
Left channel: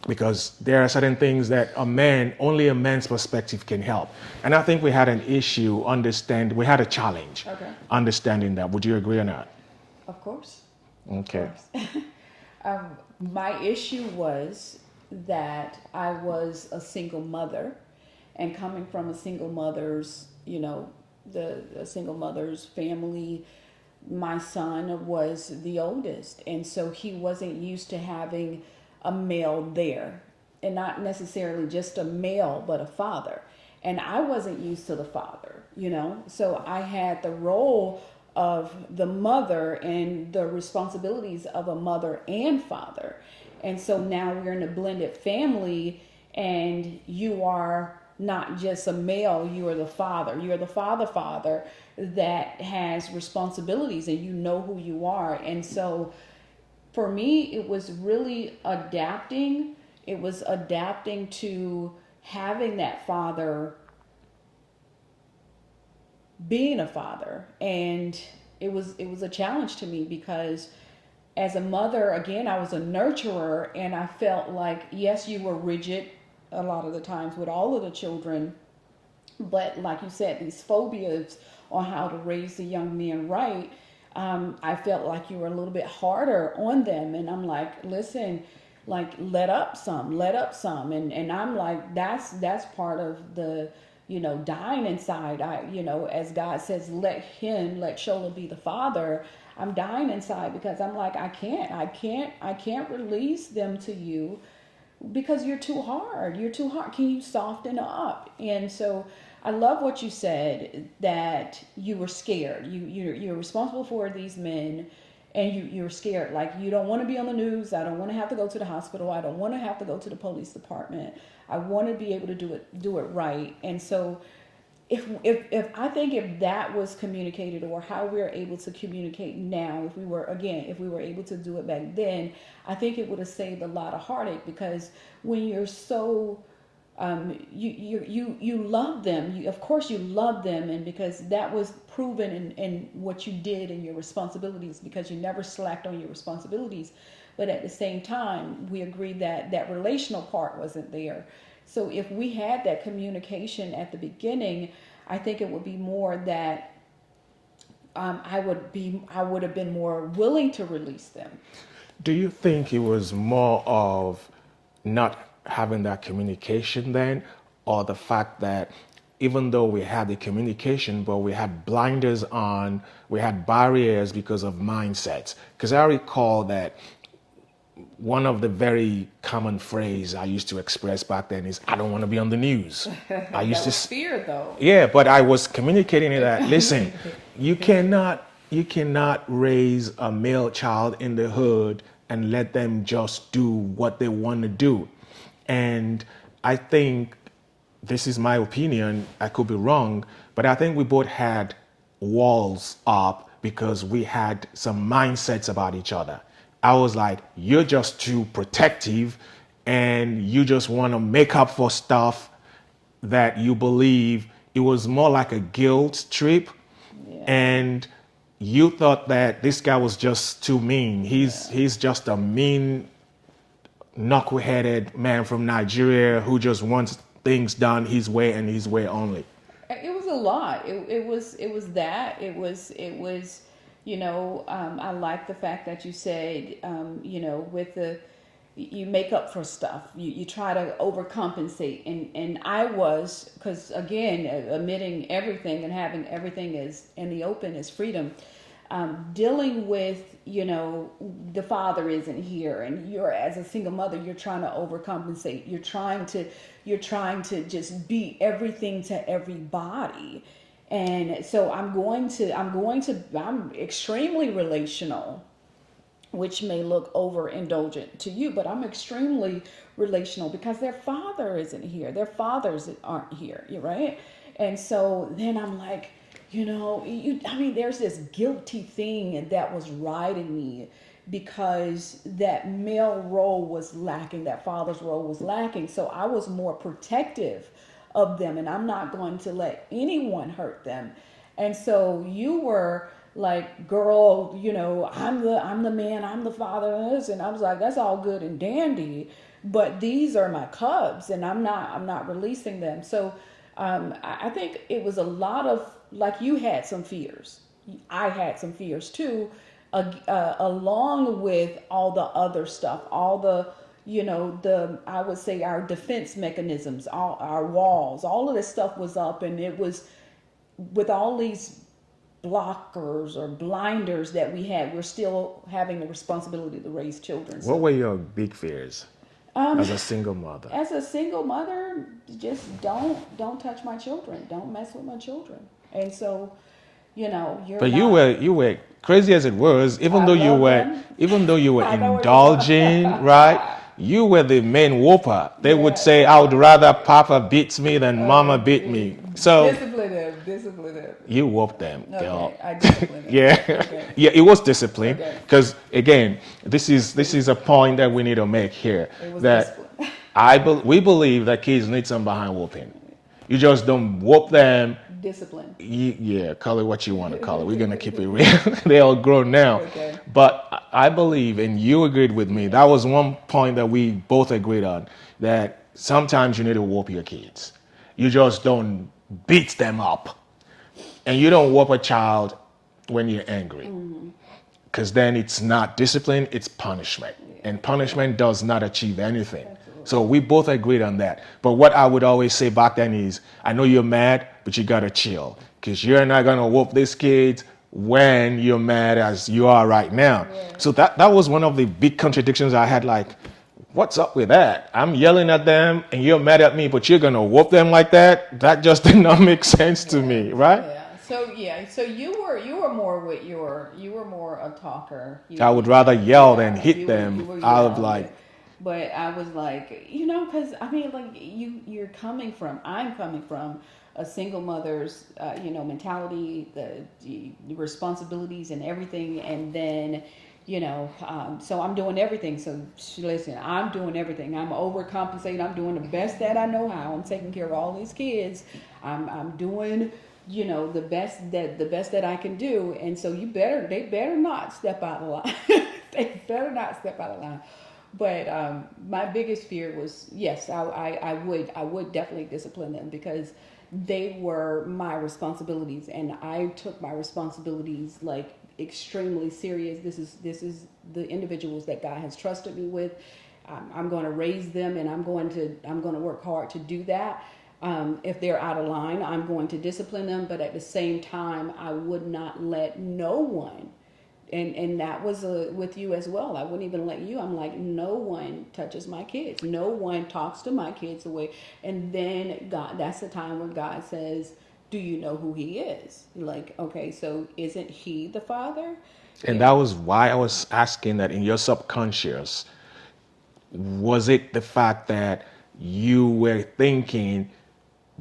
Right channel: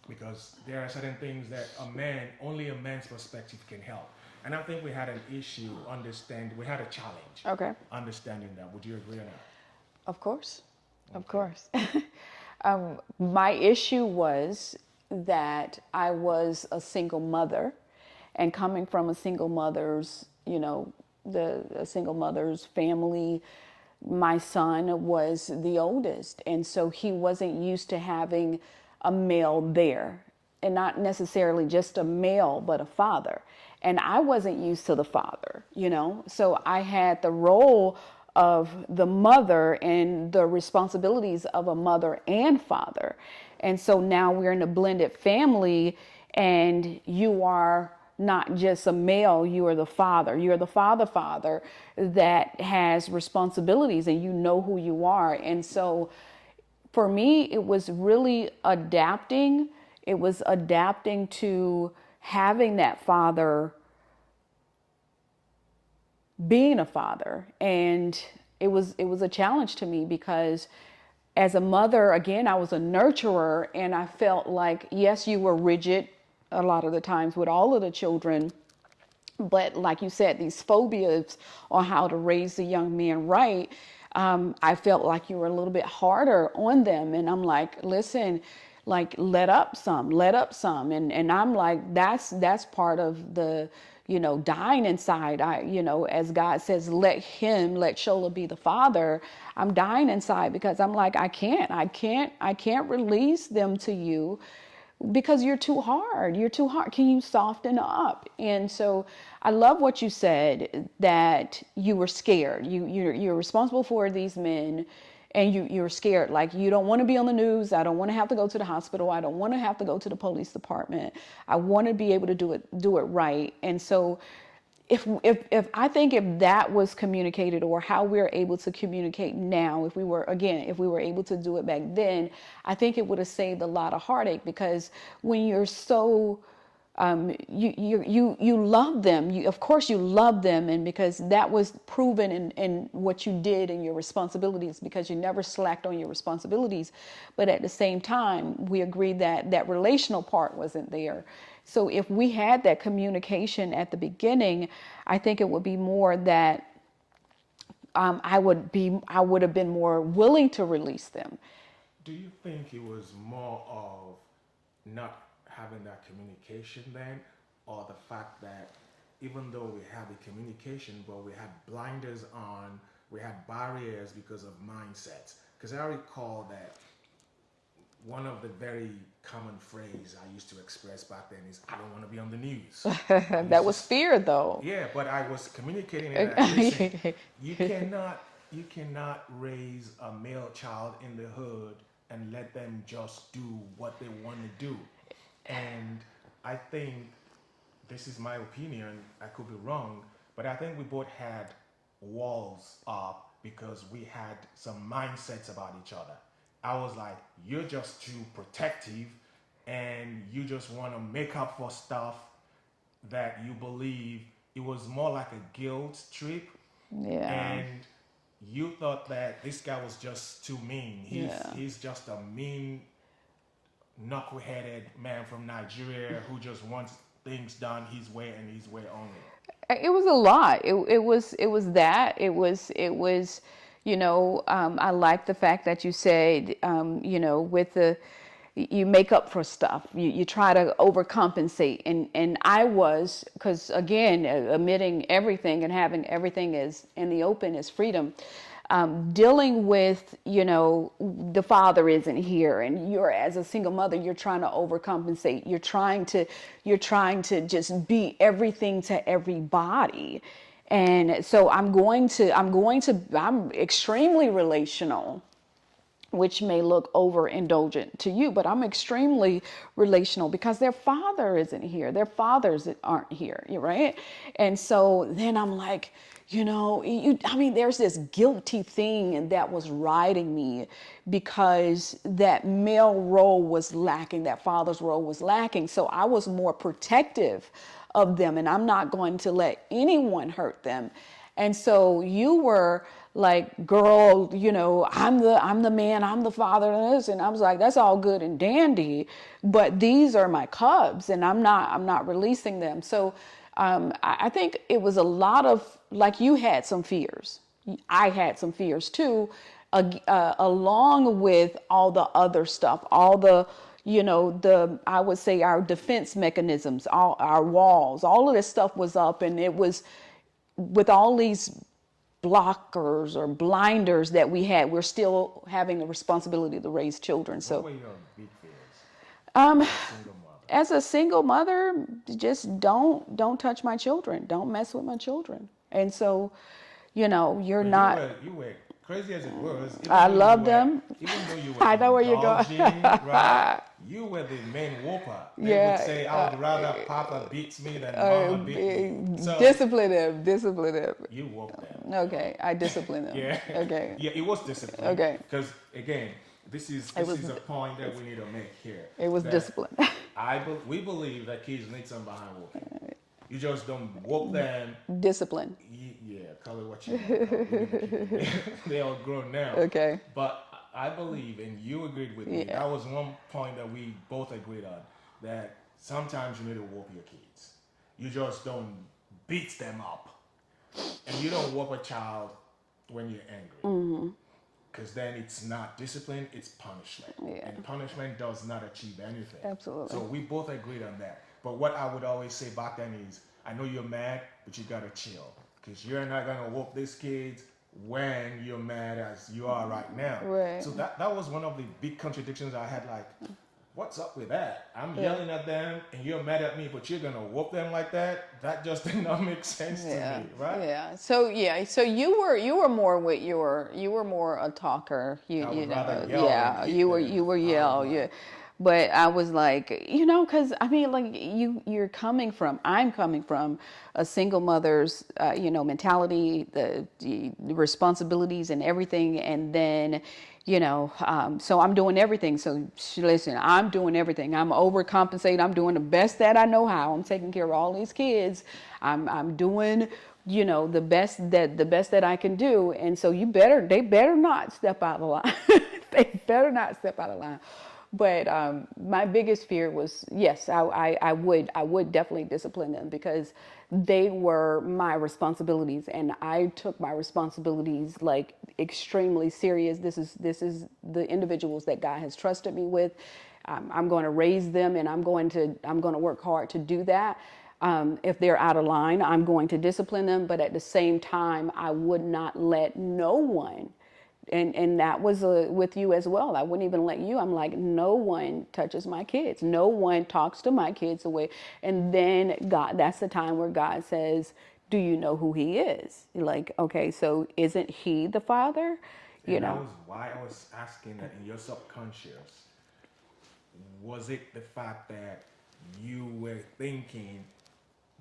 because there are certain things that only a man's perspective can help. And I think we had an issue, we had a challenge Okay. understanding that. Would you agree or not? Of course. Okay. Of course. My issue was that I was a single mother, and coming from a single mother's, a single mother's family, my son was the oldest, and so he wasn't used to having a male there, and not necessarily just a male, but a father. And I wasn't used to the father, so I had the role of the mother and the responsibilities of a mother and father. And so now we're in a blended family, and you are not just a male, you are the father. You're the father that has responsibilities, and you know who you are. And so for me, it was really adapting. It was adapting to having that father, being a father. And it was a challenge to me, because as a mother, again, I was a nurturer, and I felt like, yes, you were rigid a lot of the times with all of the children, but like you said, these phobias on how to raise the young man right, I felt like you were a little bit harder on them. And I'm like, listen, like, let up some. And I'm like, that's part of the, dying inside. As God says, let Shola be the father. I'm dying inside, because I'm like, I can't release them to you, because you're too hard. Can you soften up? And so I love what you said, that you were scared. You're responsible for these men, and you're scared. Like, you don't want to be on the news. I don't want to have to go to the hospital. I don't want to have to go to the police department. I want to be able to do it right. And so if I think if that was communicated, or how we're able to communicate now, if we were able to do it back then, I think it would have saved a lot of heartache. Because when you're so you love them, of course you love them, and because that was proven in what you did and your responsibilities, because you never slacked on your responsibilities. But at the same time, we agreed that that relational part wasn't there. So if we had that communication at the beginning, I think it would be more that I would have been more willing to release them. Do you think it was more of not having that communication then, or the fact that even though we had the communication, but we had blinders on, we had barriers because of mindsets? Because I recall that one of the very common phrase I used to express back then is, I don't want to be on the news. I used That was fear, though. Yeah, but I was communicating that, listen, you cannot raise a male child in the hood and let them just do what they want to do. And I think, this is my opinion, I could be wrong, but I think we both had walls up because we had some mindsets about each other. I was like, you're just too protective, and you just want to make up for stuff that you believe. It was more like a guilt trip. Yeah. And you thought that this guy was just too mean. He's just a mean, knuckle-headed man from Nigeria who just wants things done his way and his way only. It was a lot. It was that. I like the fact that you said, with you make up for stuff. You try to overcompensate. And I was, because again, admitting everything and having everything is in the open is freedom. Dealing with, the father isn't here, and you're, as a single mother, you're trying to overcompensate. You're trying to just be everything to everybody. And so I'm extremely relational, which may look overindulgent to you, but I'm extremely relational because their father isn't here. Their fathers aren't here, right? And so then I'm like, there's this guilty thing, and that was riding me because that male role was lacking, that father's role was lacking. So I was more protective of them, and I'm not going to let anyone hurt them. And so you were like, girl, you know, I'm the man, I'm the father of this. And I was like, that's all good and dandy, but these are my cubs, and I'm not releasing them. So I think it was a lot of, like, you had some fears. I had some fears too, along with all the other stuff, all the, you know, I would say our defense mechanisms, all our walls, all of this stuff was up, and it was with all these blockers or blinders that we had, we're still having the responsibility to raise children. What were your big fears as a single mother? As a single mother, just don't touch my children. Don't mess with my children. And so, you know, But you were crazy as it was, even though you were indulging, right? You were the main whooper. They would say, I would rather Papa beats me than Mama beat me. So discipline them. You whooped them. Okay, I disciplined them. Yeah. Okay. Yeah, it was discipline. Okay. Because again, this is a point that we need to make here. It was that discipline. We believe that kids need some behind whooping. You just don't whoop them. Discipline. Yeah, call it what you want to call it. We're going to keep it real. They're all grown now. Okay. But I believe, and you agreed with me, that was one point that we both agreed on, that sometimes you need to whoop your kids. You just don't beat them up. And you don't whoop a child when you're angry. Because then it's not discipline, it's punishment. Yeah. And punishment does not achieve anything. Absolutely. So we both agreed on that. But what I would always say back then is, I know you're mad, but you gotta chill. Because you're not gonna whoop these kids when you're mad as you are right now. Right. So that was one of the big contradictions I had, like, what's up with that? I'm yelling at them and you're mad at me, but you're gonna whoop them like that? That just did not make sense to me, right? Yeah. So you were more a talker. I would rather yell than hit them. You were yell, But I was like, you know, because I mean, like I'm coming from a single mother's, mentality, the responsibilities and everything, and then, so I'm doing everything. So listen, I'm doing everything. I'm overcompensating. I'm doing the best that I know how. I'm taking care of all these kids. I'm doing, the best that I can do. And so they better not step out of line. They better not step out of line. But my biggest fear was, yes, I would definitely discipline them, because they were my responsibilities, and I took my responsibilities like extremely serious. This is the individuals that God has trusted me with. I'm going to raise them, and I'm going to work hard to do that. If they're out of line, I'm going to discipline them, but at the same time, I would not let no one. And that was with you as well. I wouldn't even let you. I'm like, no one touches my kids. No one talks to my kids away. And then God, that's the time where God says, do you know who he is? Like, okay, so isn't he the father? And that was why I was asking that in your subconscious, was it the fact that you were thinking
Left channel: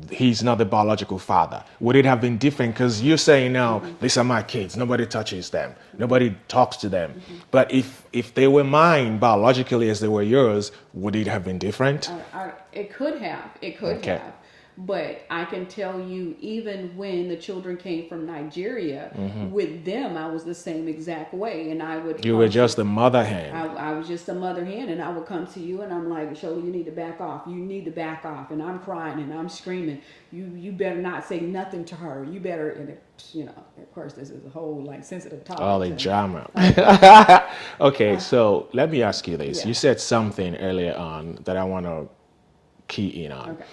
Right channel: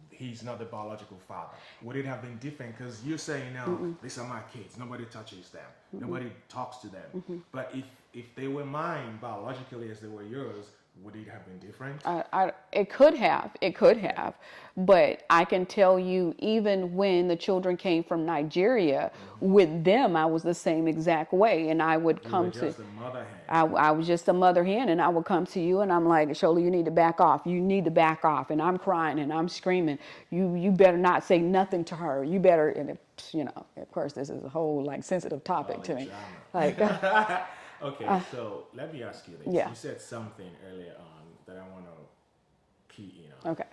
he's not the biological father? Would it have been different? Because you're saying now, these are my kids, nobody touches them, nobody talks to them. But if they were mine biologically as they were yours, would it have been different? It could have. have. But I can tell you, even when the children came from Nigeria, with them, I was the same exact way. And I would. You were just a mother hen. I was just a mother hen, and I would come to you, and I'm like, Shola, you need to back off. You need to back off. And I'm crying, and I'm screaming. You better not say nothing to her. You better, and of course, this is a whole sensitive topic. All the drama. Okay, so let me ask you this. Yeah. You said something earlier on that I want to key in on. Okay.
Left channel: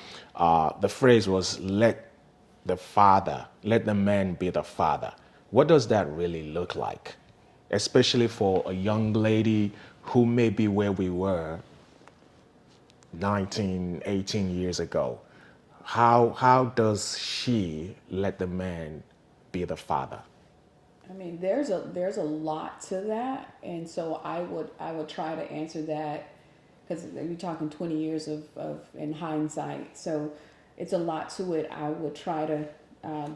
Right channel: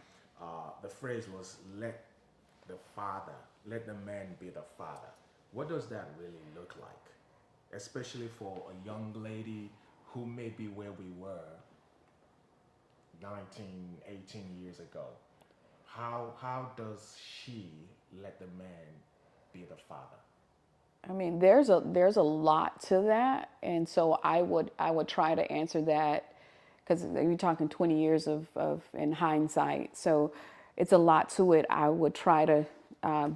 The phrase was, let the man be the father. What does that really look like? Especially for a young lady who may be where we were 19, 18 years ago. How does she let the man be the father? I mean, there's a lot to that. And so I would try to answer that, because you're talking 20 years of in hindsight. So it's a lot to it. I would try to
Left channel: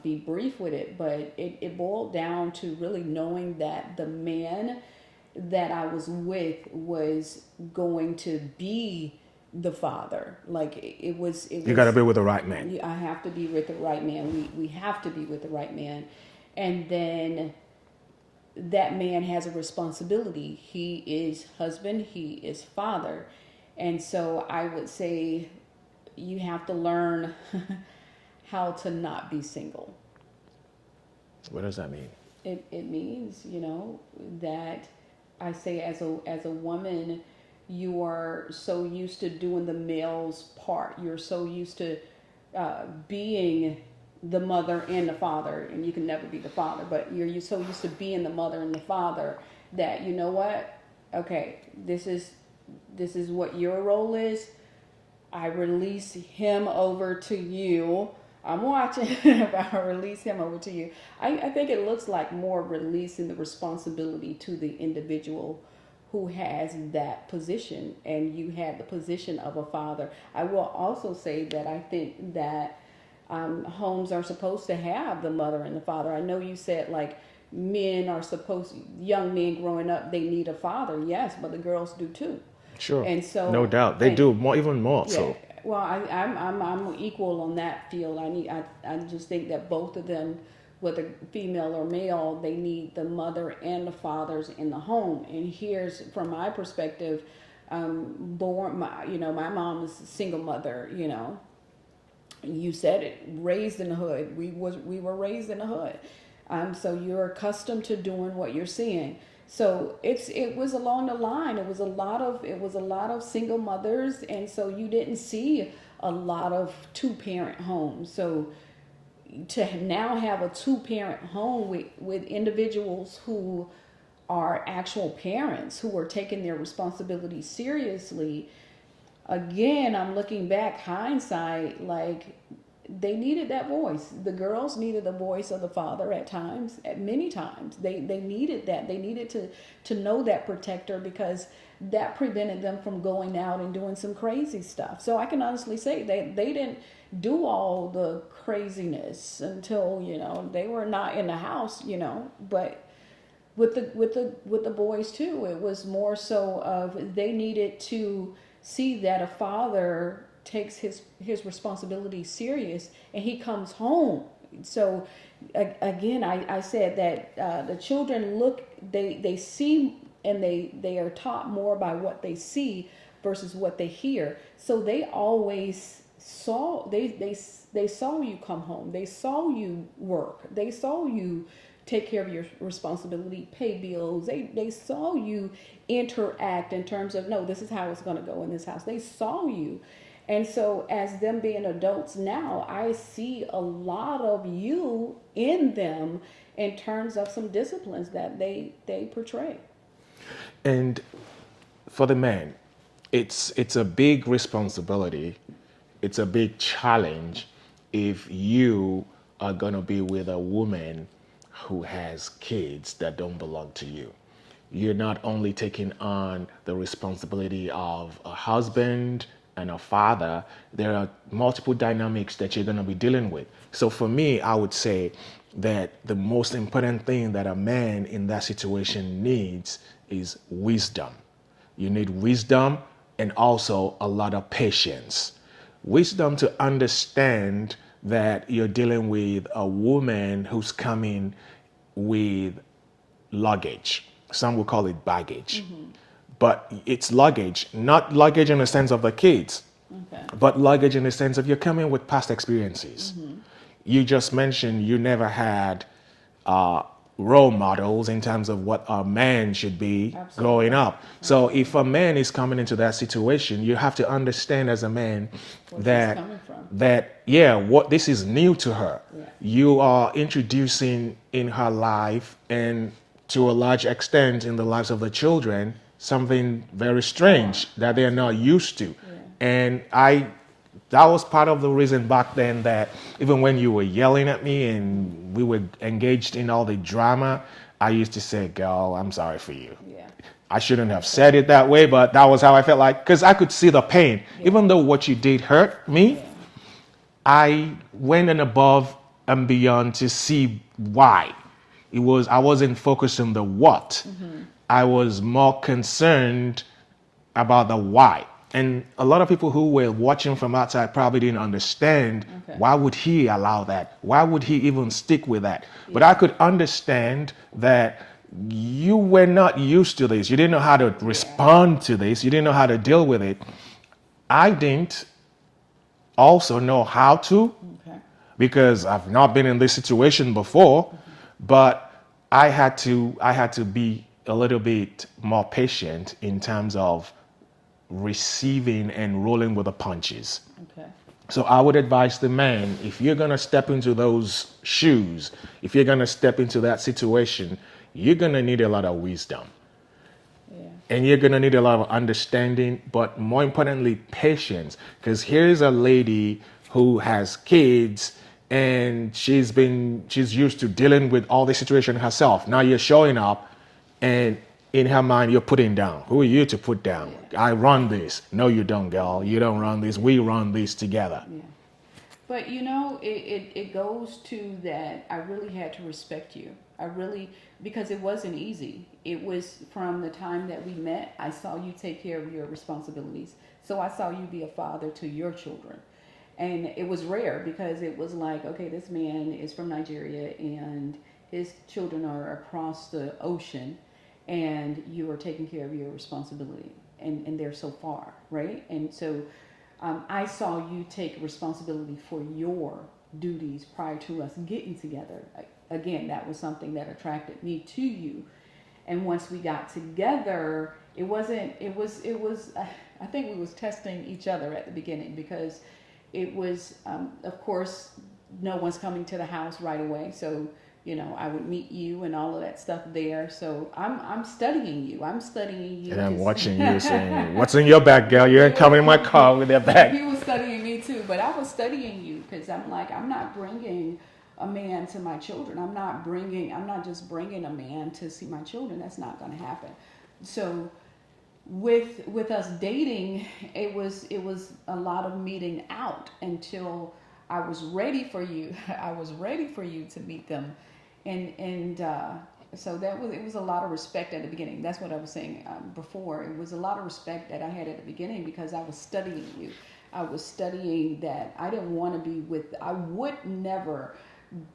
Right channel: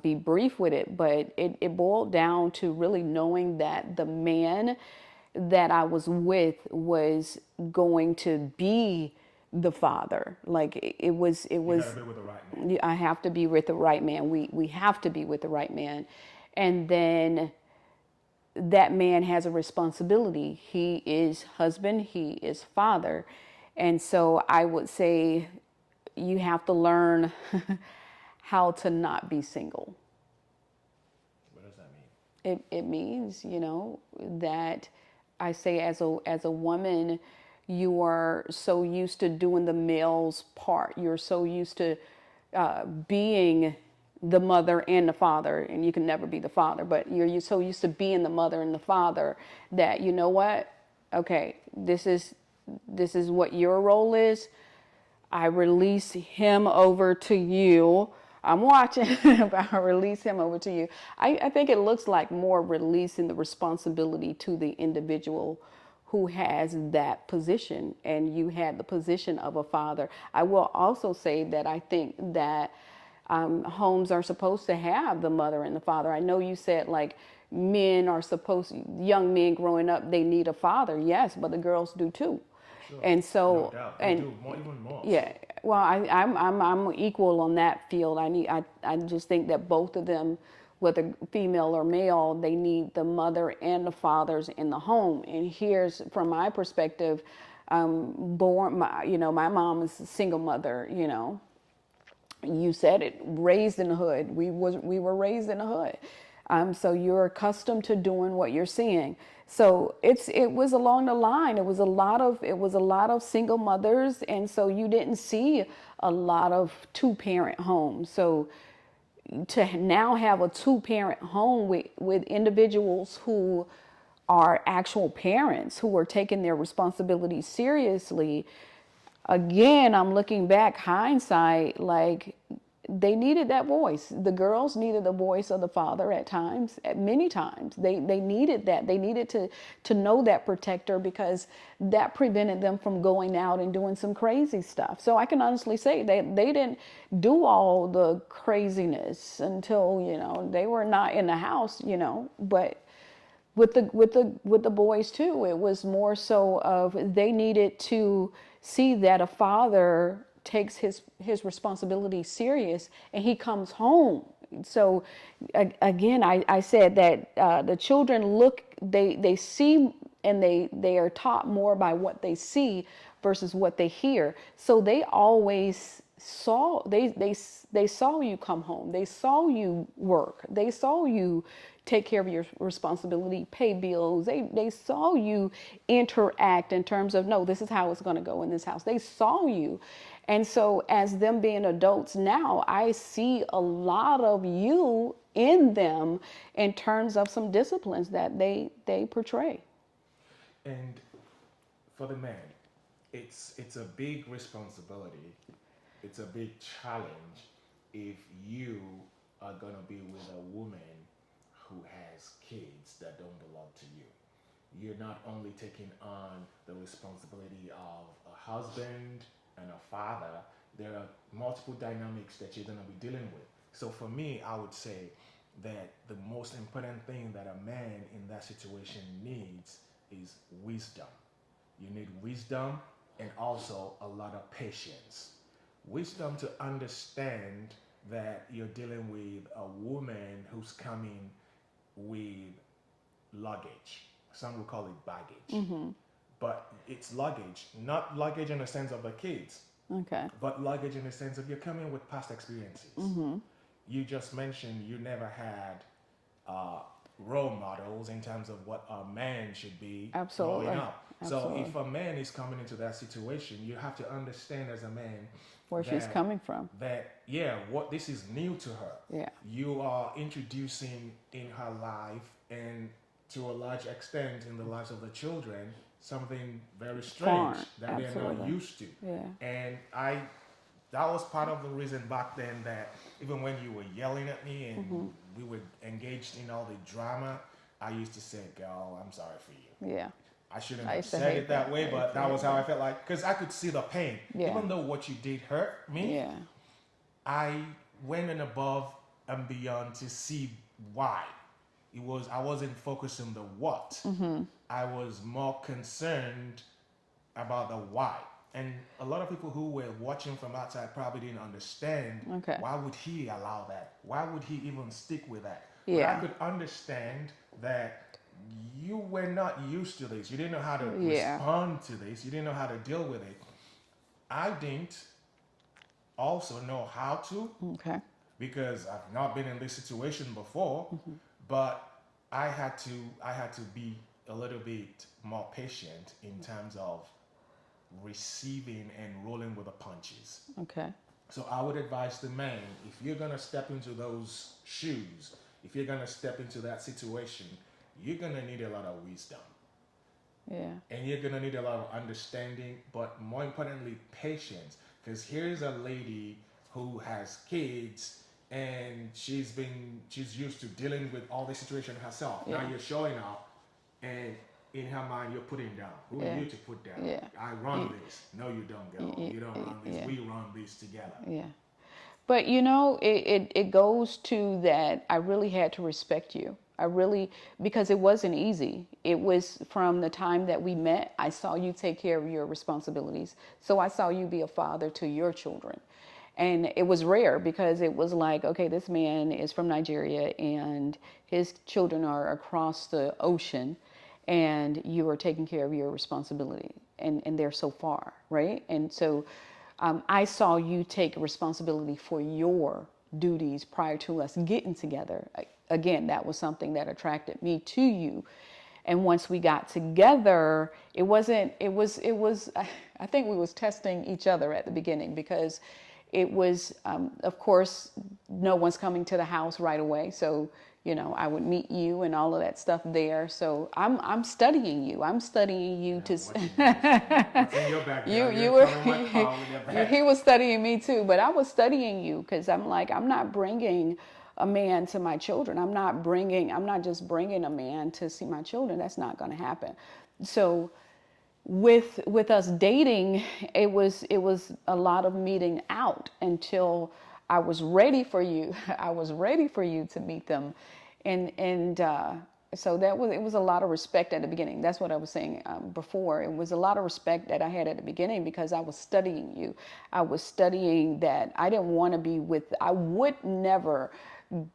be brief with it, but it boiled down to really knowing that the man that I was with was going to be the father. Like it was. You got to be with the right man. I have to be with the right man. We have to be with the right man. And then that man has a responsibility. He is husband, he is father. And so I would say you have to learn how to not be single. What does that mean? It means, that I say as a woman, you are so used to doing the male's part. You're so used to being the mother and the father, and you can never be the father, but you're so used to being the mother and the father that, you know what? Okay, this is what your role is. I release him over to you. I'm watching, but I release him over to you. I think it looks like more releasing the responsibility to the individual who has that position, and you had the position of a father. I will also say that I think that homes are supposed to have the mother and the father. I know you said like young men growing up, they need a father. Yes, but the girls do too. Sure. And so, no doubt, they do more, even more. Yeah. So. Well, I'm equal on that field. I just think that both of them, whether female or male, they need the mother and the fathers in the home. And here's from my perspective, my mom is a single mother. You said it, raised in the hood. We were raised in the hood. So you're accustomed to doing what you're seeing. So it was along the line. It was a lot of single mothers, and so you didn't see a lot of two-parent homes. So to now have a two-parent home with individuals who are actual parents who are taking their responsibilities seriously. Again, I'm looking back, hindsight, like they needed that voice. The girls needed the voice of the father at times, at many times. They needed that. They needed to know that protector, because that prevented them from going out and doing some crazy stuff. So I can honestly say they didn't do all the craziness until, they were not in the house, but with the boys too, it was more so of they needed to see that a father takes his responsibility serious and he comes home. So again, I said that the children they see, and they are taught more by what they see versus what they hear. So they always saw, they saw you come home, they saw you work, they saw you take care of your responsibility, pay bills. They saw you interact in terms of, no, this is how it's going to go in this house. They saw you. And so as them being adults now, I see a lot of you in them in terms of some disciplines that they portray. And for the man, it's a big responsibility. It's a big challenge if you are going to be with a woman who has kids that don't belong to you. You're not only taking on the responsibility of a husband and a father, there are multiple dynamics that you're going to be dealing with. So for me, I would say that the most important thing that a man in that situation needs is wisdom. You need wisdom and also a lot of patience. Wisdom to understand that you're dealing with a woman who's coming with luggage. Some will call it baggage. Mm-hmm. But it's luggage, not luggage in the sense of the kids, okay, but luggage in the sense of you're coming with past experiences. Mm-hmm. You just mentioned you never had role models in terms of what a man should be. Absolutely. Growing up. Absolutely. So if a man is coming into that situation, you have to understand as a man where she's coming from. What this is new to her. Yeah. You are introducing in her life, and to a large extent in the lives of the children, something very strange that they're not used to. Yeah. And that was part of the reason back then that even when you were yelling at me and we were engaged in all the drama, I used to say, girl, I'm sorry for you. Yeah. I shouldn't have said it that way, but that was how I felt, like, because I could see the pain. Yeah. Even though what you did hurt me, yeah, I went and above and beyond to see why. I wasn't focused on the what. Mm-hmm. I was more concerned about the why. And a lot of people who were watching from outside probably didn't understand, okay, why would he allow that? Why would he even stick with that? Yeah. But I could understand that you were not used to this. You didn't know how to respond to this. You didn't know how to deal with it. I didn't also know how to, Okay. because I've not been in this situation before, but I had to be a little bit more patient in terms of receiving and rolling with the punches. Okay. So I would advise the man, if you're going to step into those shoes, if you're going to step into that situation, you're going to need a lot of wisdom. Yeah. And you're going to need a lot of understanding, but more importantly, patience. Because here's a lady who has kids and she's used to dealing with all this situation herself. Now you're showing up and in her mind, you're putting down. Who are you to put down? Yeah. I run this. No, you don't, girl. You don't run this. We run this together. Yeah. But you know, it goes to that I really had to respect you. I really, because it wasn't easy. It was from the time that we met, I saw you take care of your responsibilities. So I saw you be a father to your children. And it was rare because it was like, okay, this man is from Nigeria and his children are across the ocean and you are taking care of your responsibility and they're so far, right? And so I saw you take responsibility for your duties prior to us getting together. Again, that was something that attracted me to you. And once we got together, it was, I think we was testing each other at the beginning because it was, of course, no one's coming to the house right away. So, you know, I would meet you and all of that stuff there. So I'm studying you. I'm studying you. And I'm watching you saying, what's in your bag, girl? You ain't coming in my car with that bag. He was studying me too, but I was studying you because I'm like, I'm not bringing a man to my children. I'm not just bringing a man to see my children. That's not going to happen. So with us dating, it was a lot of meeting out until I was ready for you. I was ready for you to meet them, and so it was a lot of respect at the beginning. That's what I was saying before. It was a lot of respect that I had at the beginning because I was studying you. I was studying that I didn't want to I would never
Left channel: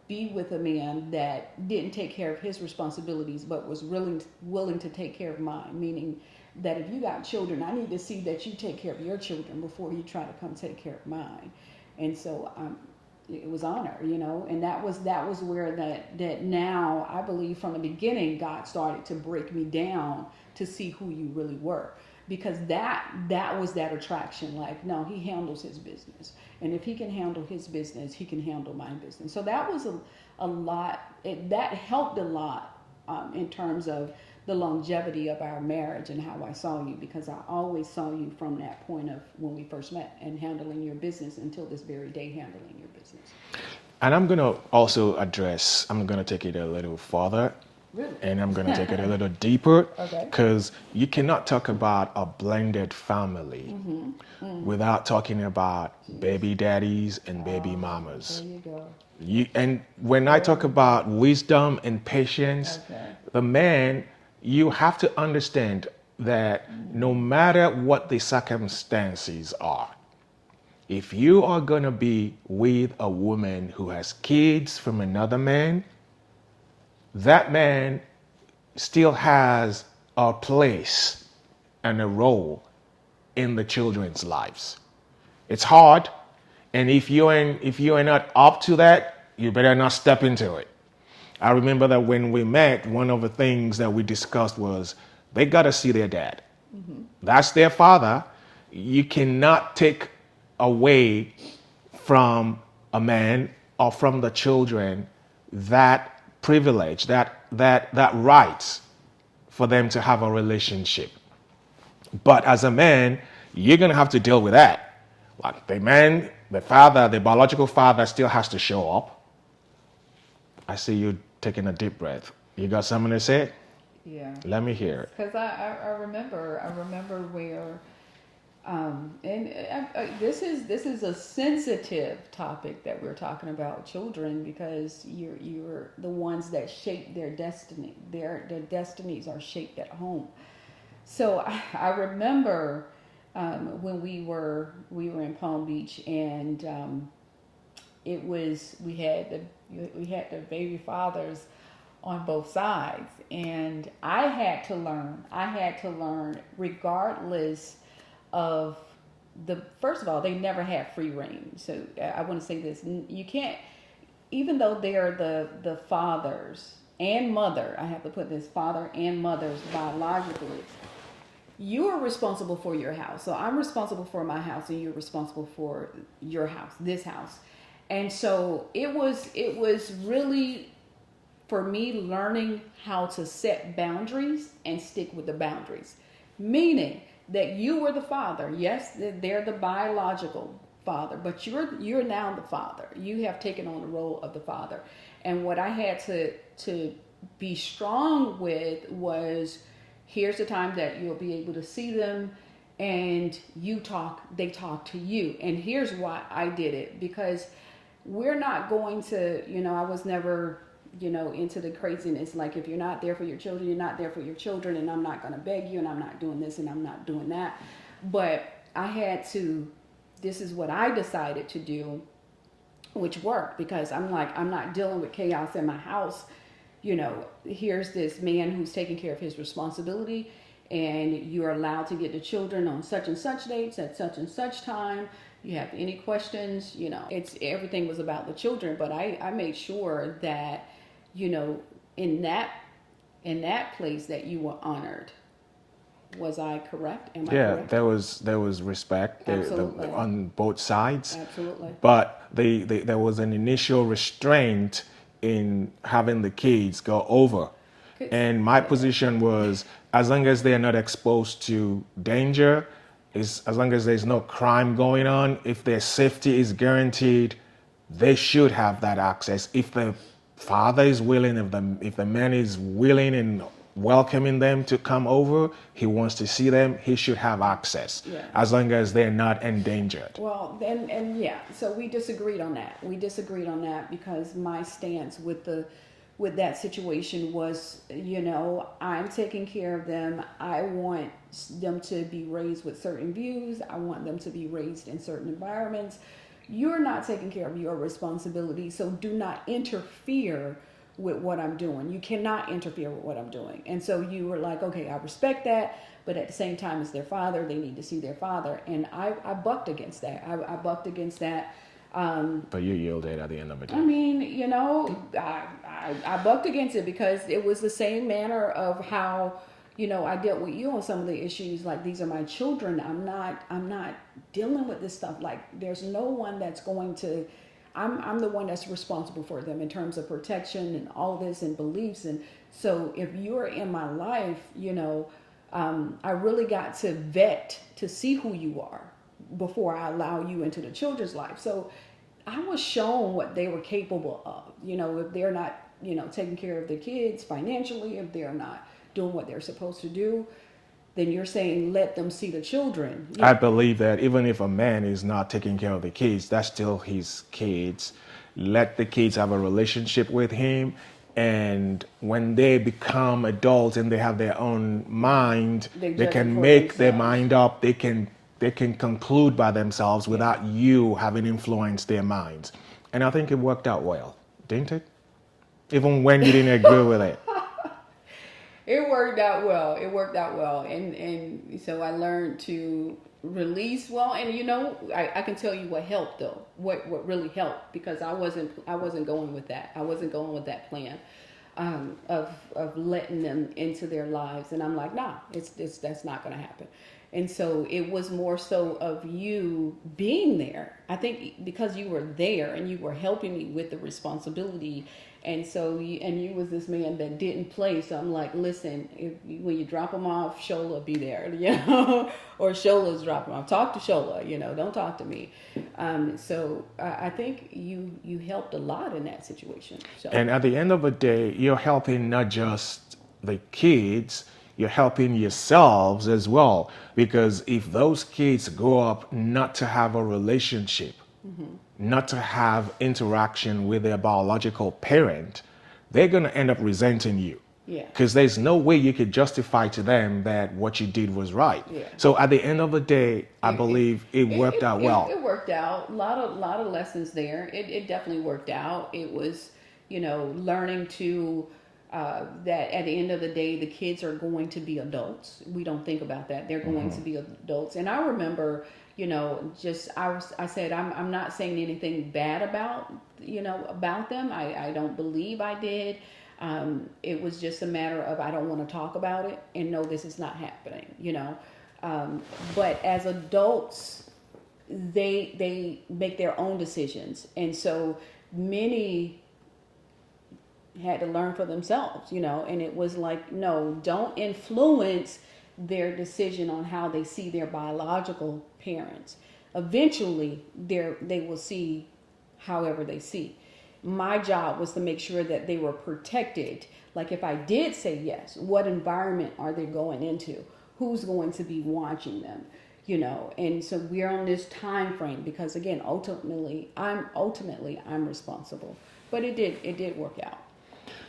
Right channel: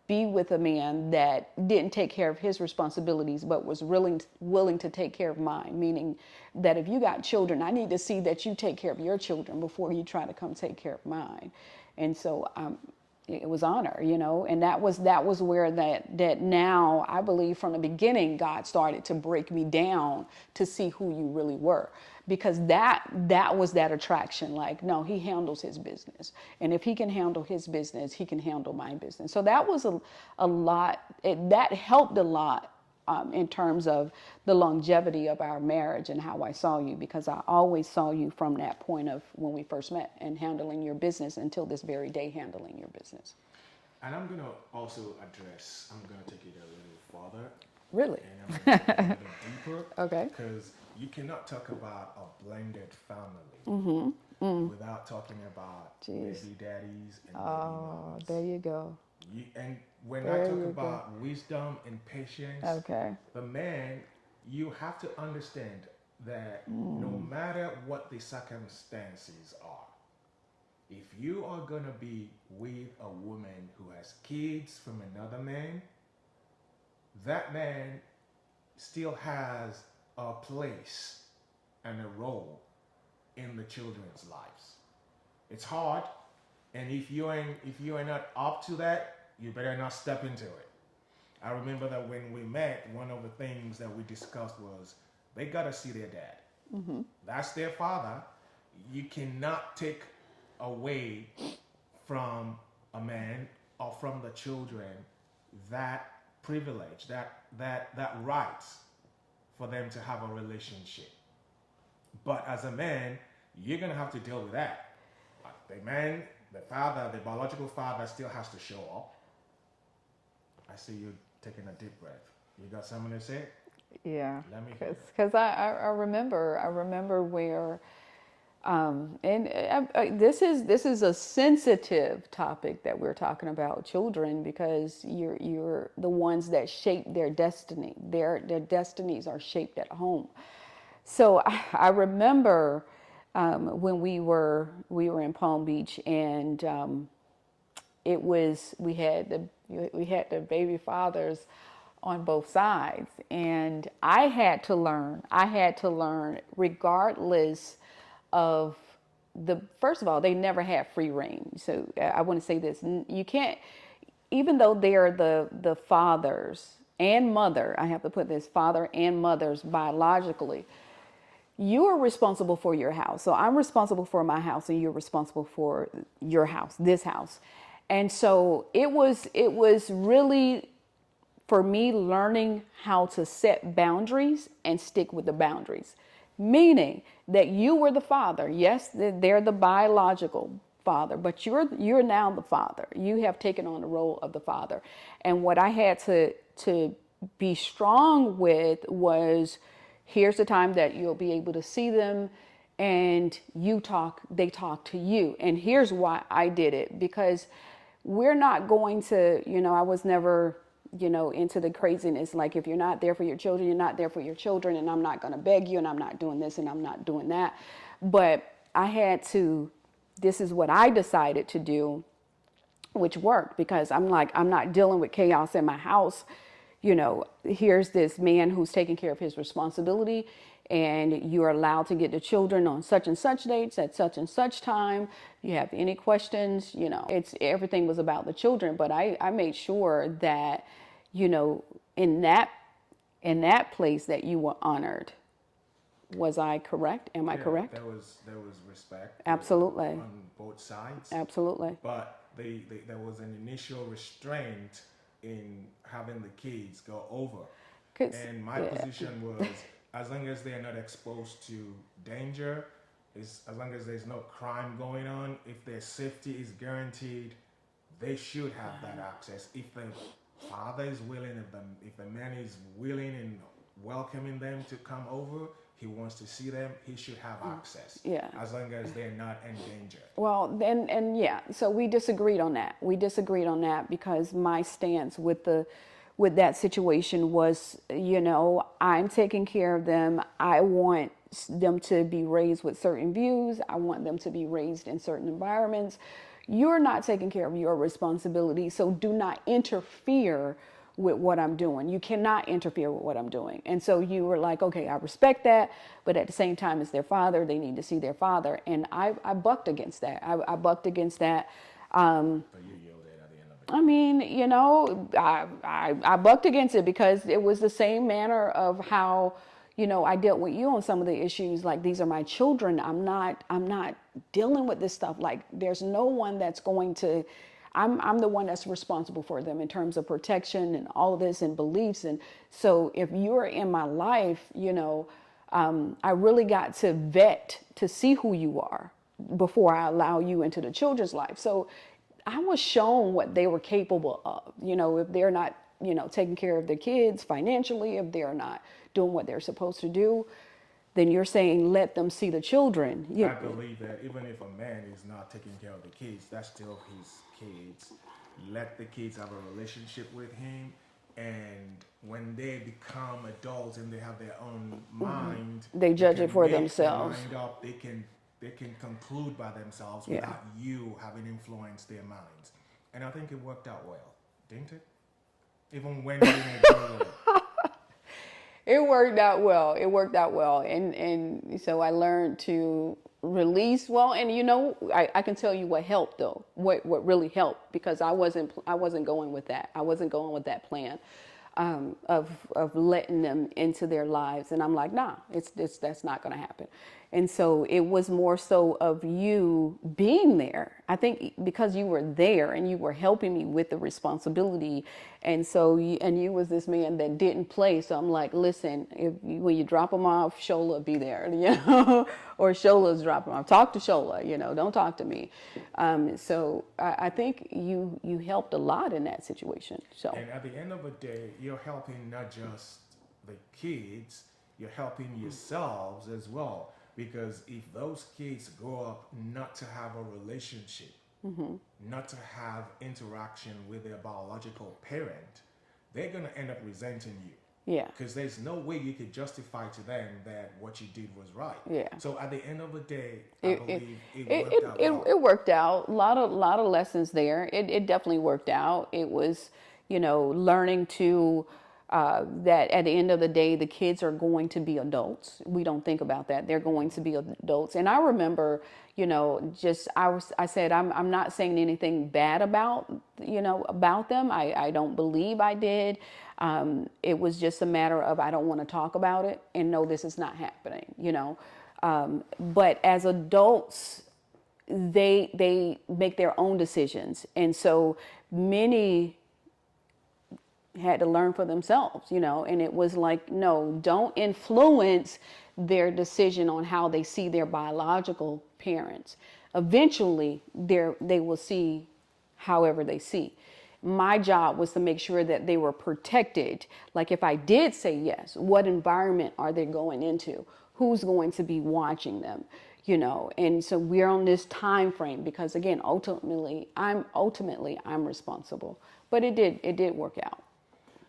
be with a man that didn't take care of his responsibilities but was willing to take care of mine, meaning that if you got children, I need to see that you take care of your children before you try to come take care of mine. And so it was honor, you know, and that was where that now I believe from the beginning God started to break me down to see who you really were. Because that was that attraction. Like, no, he handles his business. And if he can handle his business, he can handle my business. So that was a lot. That helped a lot in terms of the longevity of our marriage and how I saw you. Because I always saw you from that point of when we first met and handling your business until this very day handling your business. And I'm going to also I'm going to take it a little further. Really? And I'm going to take it a little deeper. Okay. Because you cannot talk about a blended family without talking about baby daddies and baby mamas. There you go. And when I talk about wisdom and patience, the man, you have to understand that no matter what the circumstances are, if you are going to be with a woman who has kids from another man, that man still has a place and a role in the children's lives. It's hard, and if you are not up to that, you better not step into it. I remember that when we met, one of the things that we discussed was they got to see their dad. That's their father. You cannot take away from a man or from the children that privilege, that right for them to have a relationship. But as a man, you're going to have to deal with that. Like the man, the father, the biological father still has to show up. I see you taking a deep breath. You got something to say? Yeah. Let me hear it. Because I remember where, this is a sensitive topic that we're talking about, children, because you're the ones that shape their destiny. Their destinies are shaped at home. So I remember when we were in Palm Beach, and we had the baby fathers on both sides. And I had to learn regardless of first of all, they never had free reign. So I want to say this. You can't, even though they're the fathers and mother, I have to put this, father and mothers biologically, you are responsible for your house. So I'm responsible for my house and you're responsible for your house, this house. And so it was really, for me, learning how to set boundaries and stick with the boundaries. Meaning that you were the father. Yes, they're the biological father, but you're now the father. You have taken on the role of the father. And what I had to be strong with was, here's the time that you'll be able to see them and they talk to you. And here's why I did it, because we're not going to, I was never, into the craziness. Like, if you're not there for your children, you're not there for your children, and I'm not going to beg you, and I'm not doing this, and I'm not doing that. But this is what I decided to do, which worked, because I'm like, I'm not dealing with chaos in my house. Here's this man who's taking care of his responsibility, and you're allowed to get the children on such and such dates at such and such time. You have any questions, everything was about the children. But I made sure that, in that place, that you were honored. Was I correct? Am I correct? there was respect Absolutely. On both sides. Absolutely. But there was an initial restraint in having the kids go over. And my position was, as long as they are not exposed to danger, as long as there's no crime going on, if their safety is guaranteed, they should have that access. If the father is willing, if the man is willing and welcoming them to come over, he wants to see them, he should have access, as long as they're not endangered. Well, and yeah, so we disagreed on that. Because my stance with that situation was, I'm taking care of them. I want them to be raised with certain views. I want them to be raised in certain environments. You're not taking care of your responsibility, so do not interfere with what I'm doing. You cannot interfere with what I'm doing. And so you were like, okay, I respect that, but at the same time, it's their father. They need to see their father. And I bucked against that. I bucked against that. But you yielded at the end of it. I mean, I bucked against it because it was the same manner of how, I dealt with you on some of the issues. Like, these are my children. I'm not dealing with this stuff. Like, there's no one that's going to, I'm the one that's responsible for them in terms of protection and all of this and beliefs. And so if you're in my life, I really got to vet to see who you are before I allow you into the children's life. So I was shown what they were capable of. If they're not, taking care of the kids financially, if they're not doing what they're supposed to do, then you're saying let them see the children. I believe that even if a man is not taking care of the kids, that's still his kids. Let the kids have a relationship with him. And when they become adults and they have their own mind, they can make their mind up. They can conclude by themselves without you having influenced their minds. And I think it worked out well, didn't it? Even when you didn't agree with it. It worked out well. And so I learned to release well. And I can tell you what helped though. What really helped, because I wasn't going with that. I wasn't going with that plan of letting them into their lives. And I'm like, nah, that's not going to happen. And so it was more so of you being there. I think because you were there and you were helping me with the responsibility. And so you was this man that didn't play. So I'm like, listen, when you drop them off, Shola be there, or Shola's dropping off. Talk to Shola, don't talk to me. So I think you helped a lot in that situation. So. And at the end of the day, you're helping not just the kids, you're helping yourselves as well. Because if those kids grow up not to have a relationship, not to have interaction with their biological parent, they're going to end up resenting you. Yeah. Because there's no way you could justify to them that what you did was right. Yeah. So at the end of the day, I believe it worked out well. It worked out. A lot of lessons there. It definitely worked out. It was, learning to that at the end of the day, the kids are going to be adults. We don't think about that. They're going to be adults. And I remember, I said, I'm not saying anything bad about, about them. I don't believe I did. It was just a matter of, I don't want to talk about it and no, this is not happening, but as adults, they make their own decisions. And so many had to learn for themselves, and it was like, no, don't influence their decision on how they see their biological parents. Eventually, they will see however they see. My job was to make sure that they were protected. Like if I did say yes, what environment are they going into? Who's going to be watching them? And so we're on this time frame because again, ultimately I'm responsible. But it did work out.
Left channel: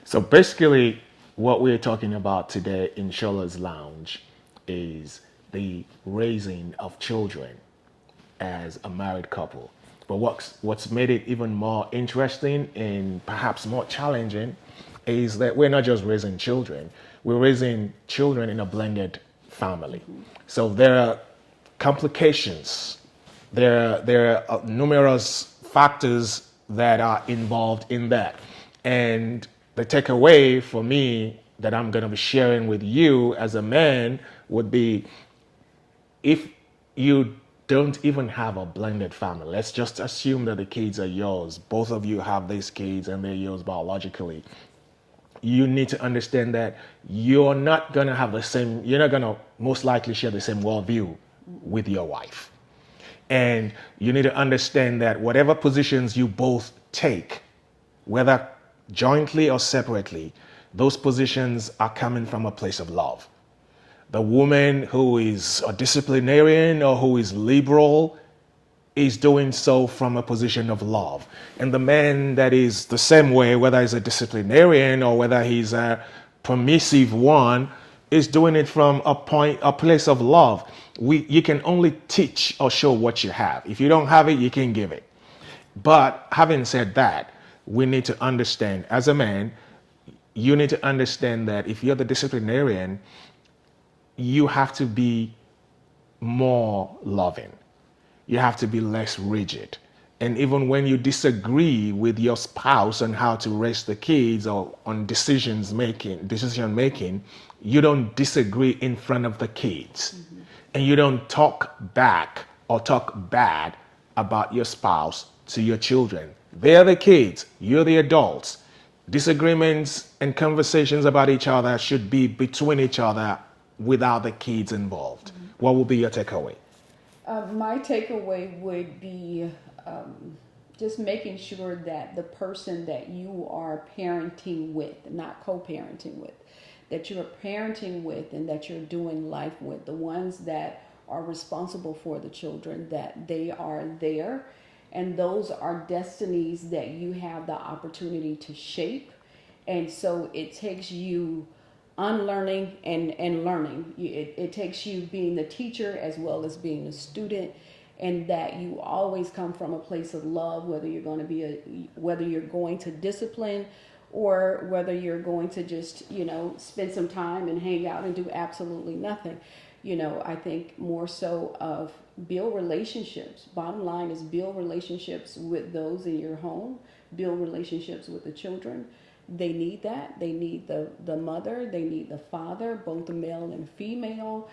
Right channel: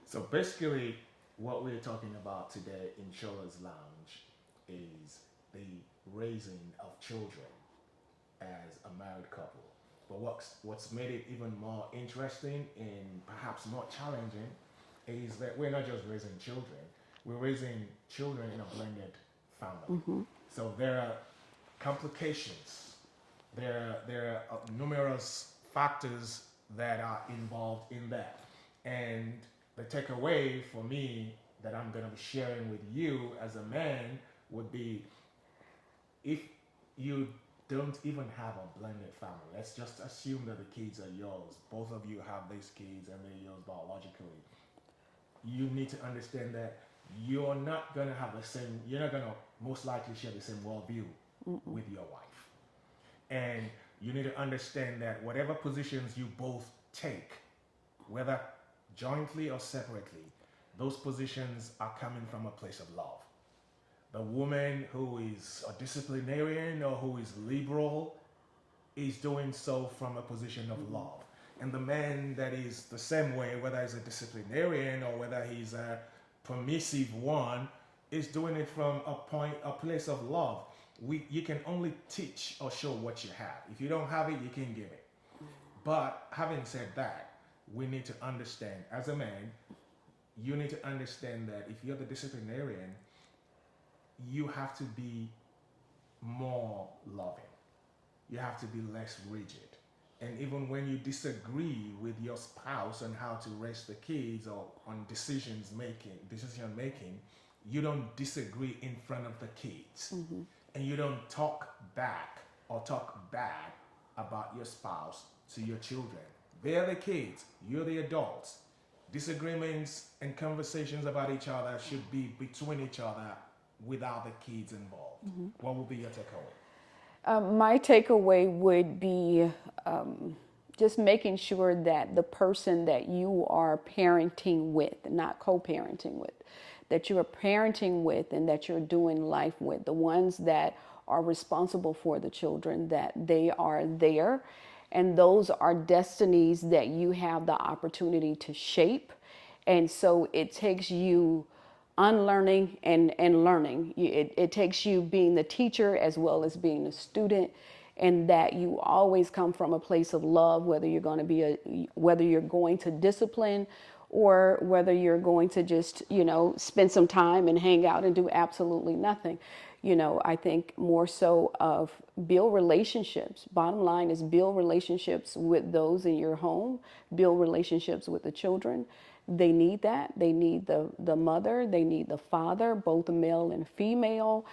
So basically, what we're talking about today in SOLA'S Lounge is the raising of children as a married couple. But what's made it even more interesting and perhaps more challenging is that we're not just raising children, we're raising children in a blended family. So there are complications, there are numerous factors that are involved in that. And the takeaway for me that I'm going to be sharing with you as a man would be, if you don't even have a blended family, let's just assume that the kids are yours, both of you have these kids and they're yours biologically, you need to understand that you're not going to most likely share the same worldview with your wife. And you need to understand that whatever positions you both take, whether jointly or separately, those positions are coming from a place of love. The woman who is a disciplinarian or who is liberal is doing so from a position of love. And the man that is the same way, whether he's a disciplinarian or whether he's a permissive one, is doing it from a place of love. You can only teach or show what you have. If you don't have it, you can give it. But having said that, we need to understand, as a man, you need to understand that if you're the disciplinarian, you have to be more loving. You have to be less rigid. And even when you disagree with your spouse on how to raise the kids or on decision making, you don't disagree in front of the kids. And you don't talk back or talk bad about your spouse to your children. They're the kids, you're the adults. Disagreements and conversations about each other should be between each other without the kids involved. What will be your takeaway? My takeaway would be just making sure that the person that you are parenting with, not co-parenting with, that you're parenting with and that you're doing life with, the ones that are responsible for the children, that they are there. And those are destinies that you have the opportunity to shape. And so it takes you unlearning and learning. It takes you being the teacher as well as being a student, and that you always come from a place of love, whether you're going to discipline or whether you're going to just, spend some time and hang out and do absolutely nothing. I think more so of build relationships. Bottom line is build relationships with those in your home, build relationships with the children. They need that. They need the mother, they need the father, both the male and female.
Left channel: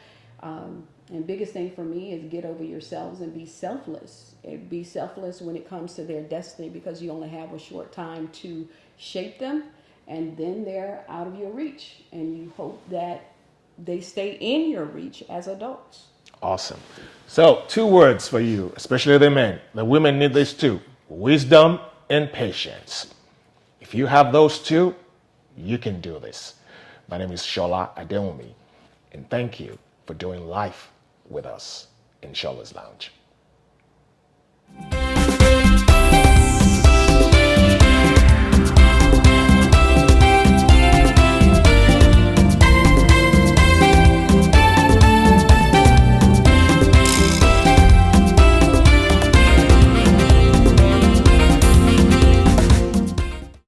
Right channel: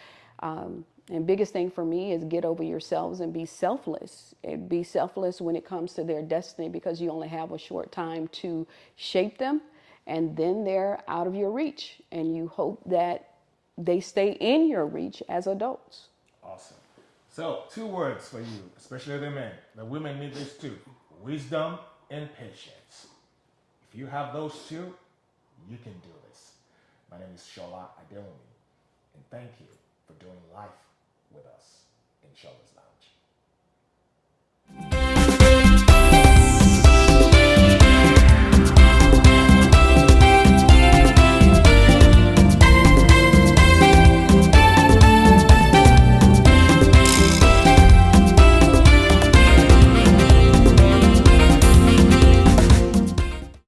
And biggest thing for me is get over yourselves and be selfless. Be selfless when it comes to their destiny, because you only have a short time to shape them, and then they're out of your reach. And you hope that they stay in your reach as adults. Awesome. So 2 words for you, especially the men. The women need this too: wisdom and patience. If you have those 2, you can do this. My name is Shola Adewumi, and thank you for doing life with us in SOLA'S Lounge.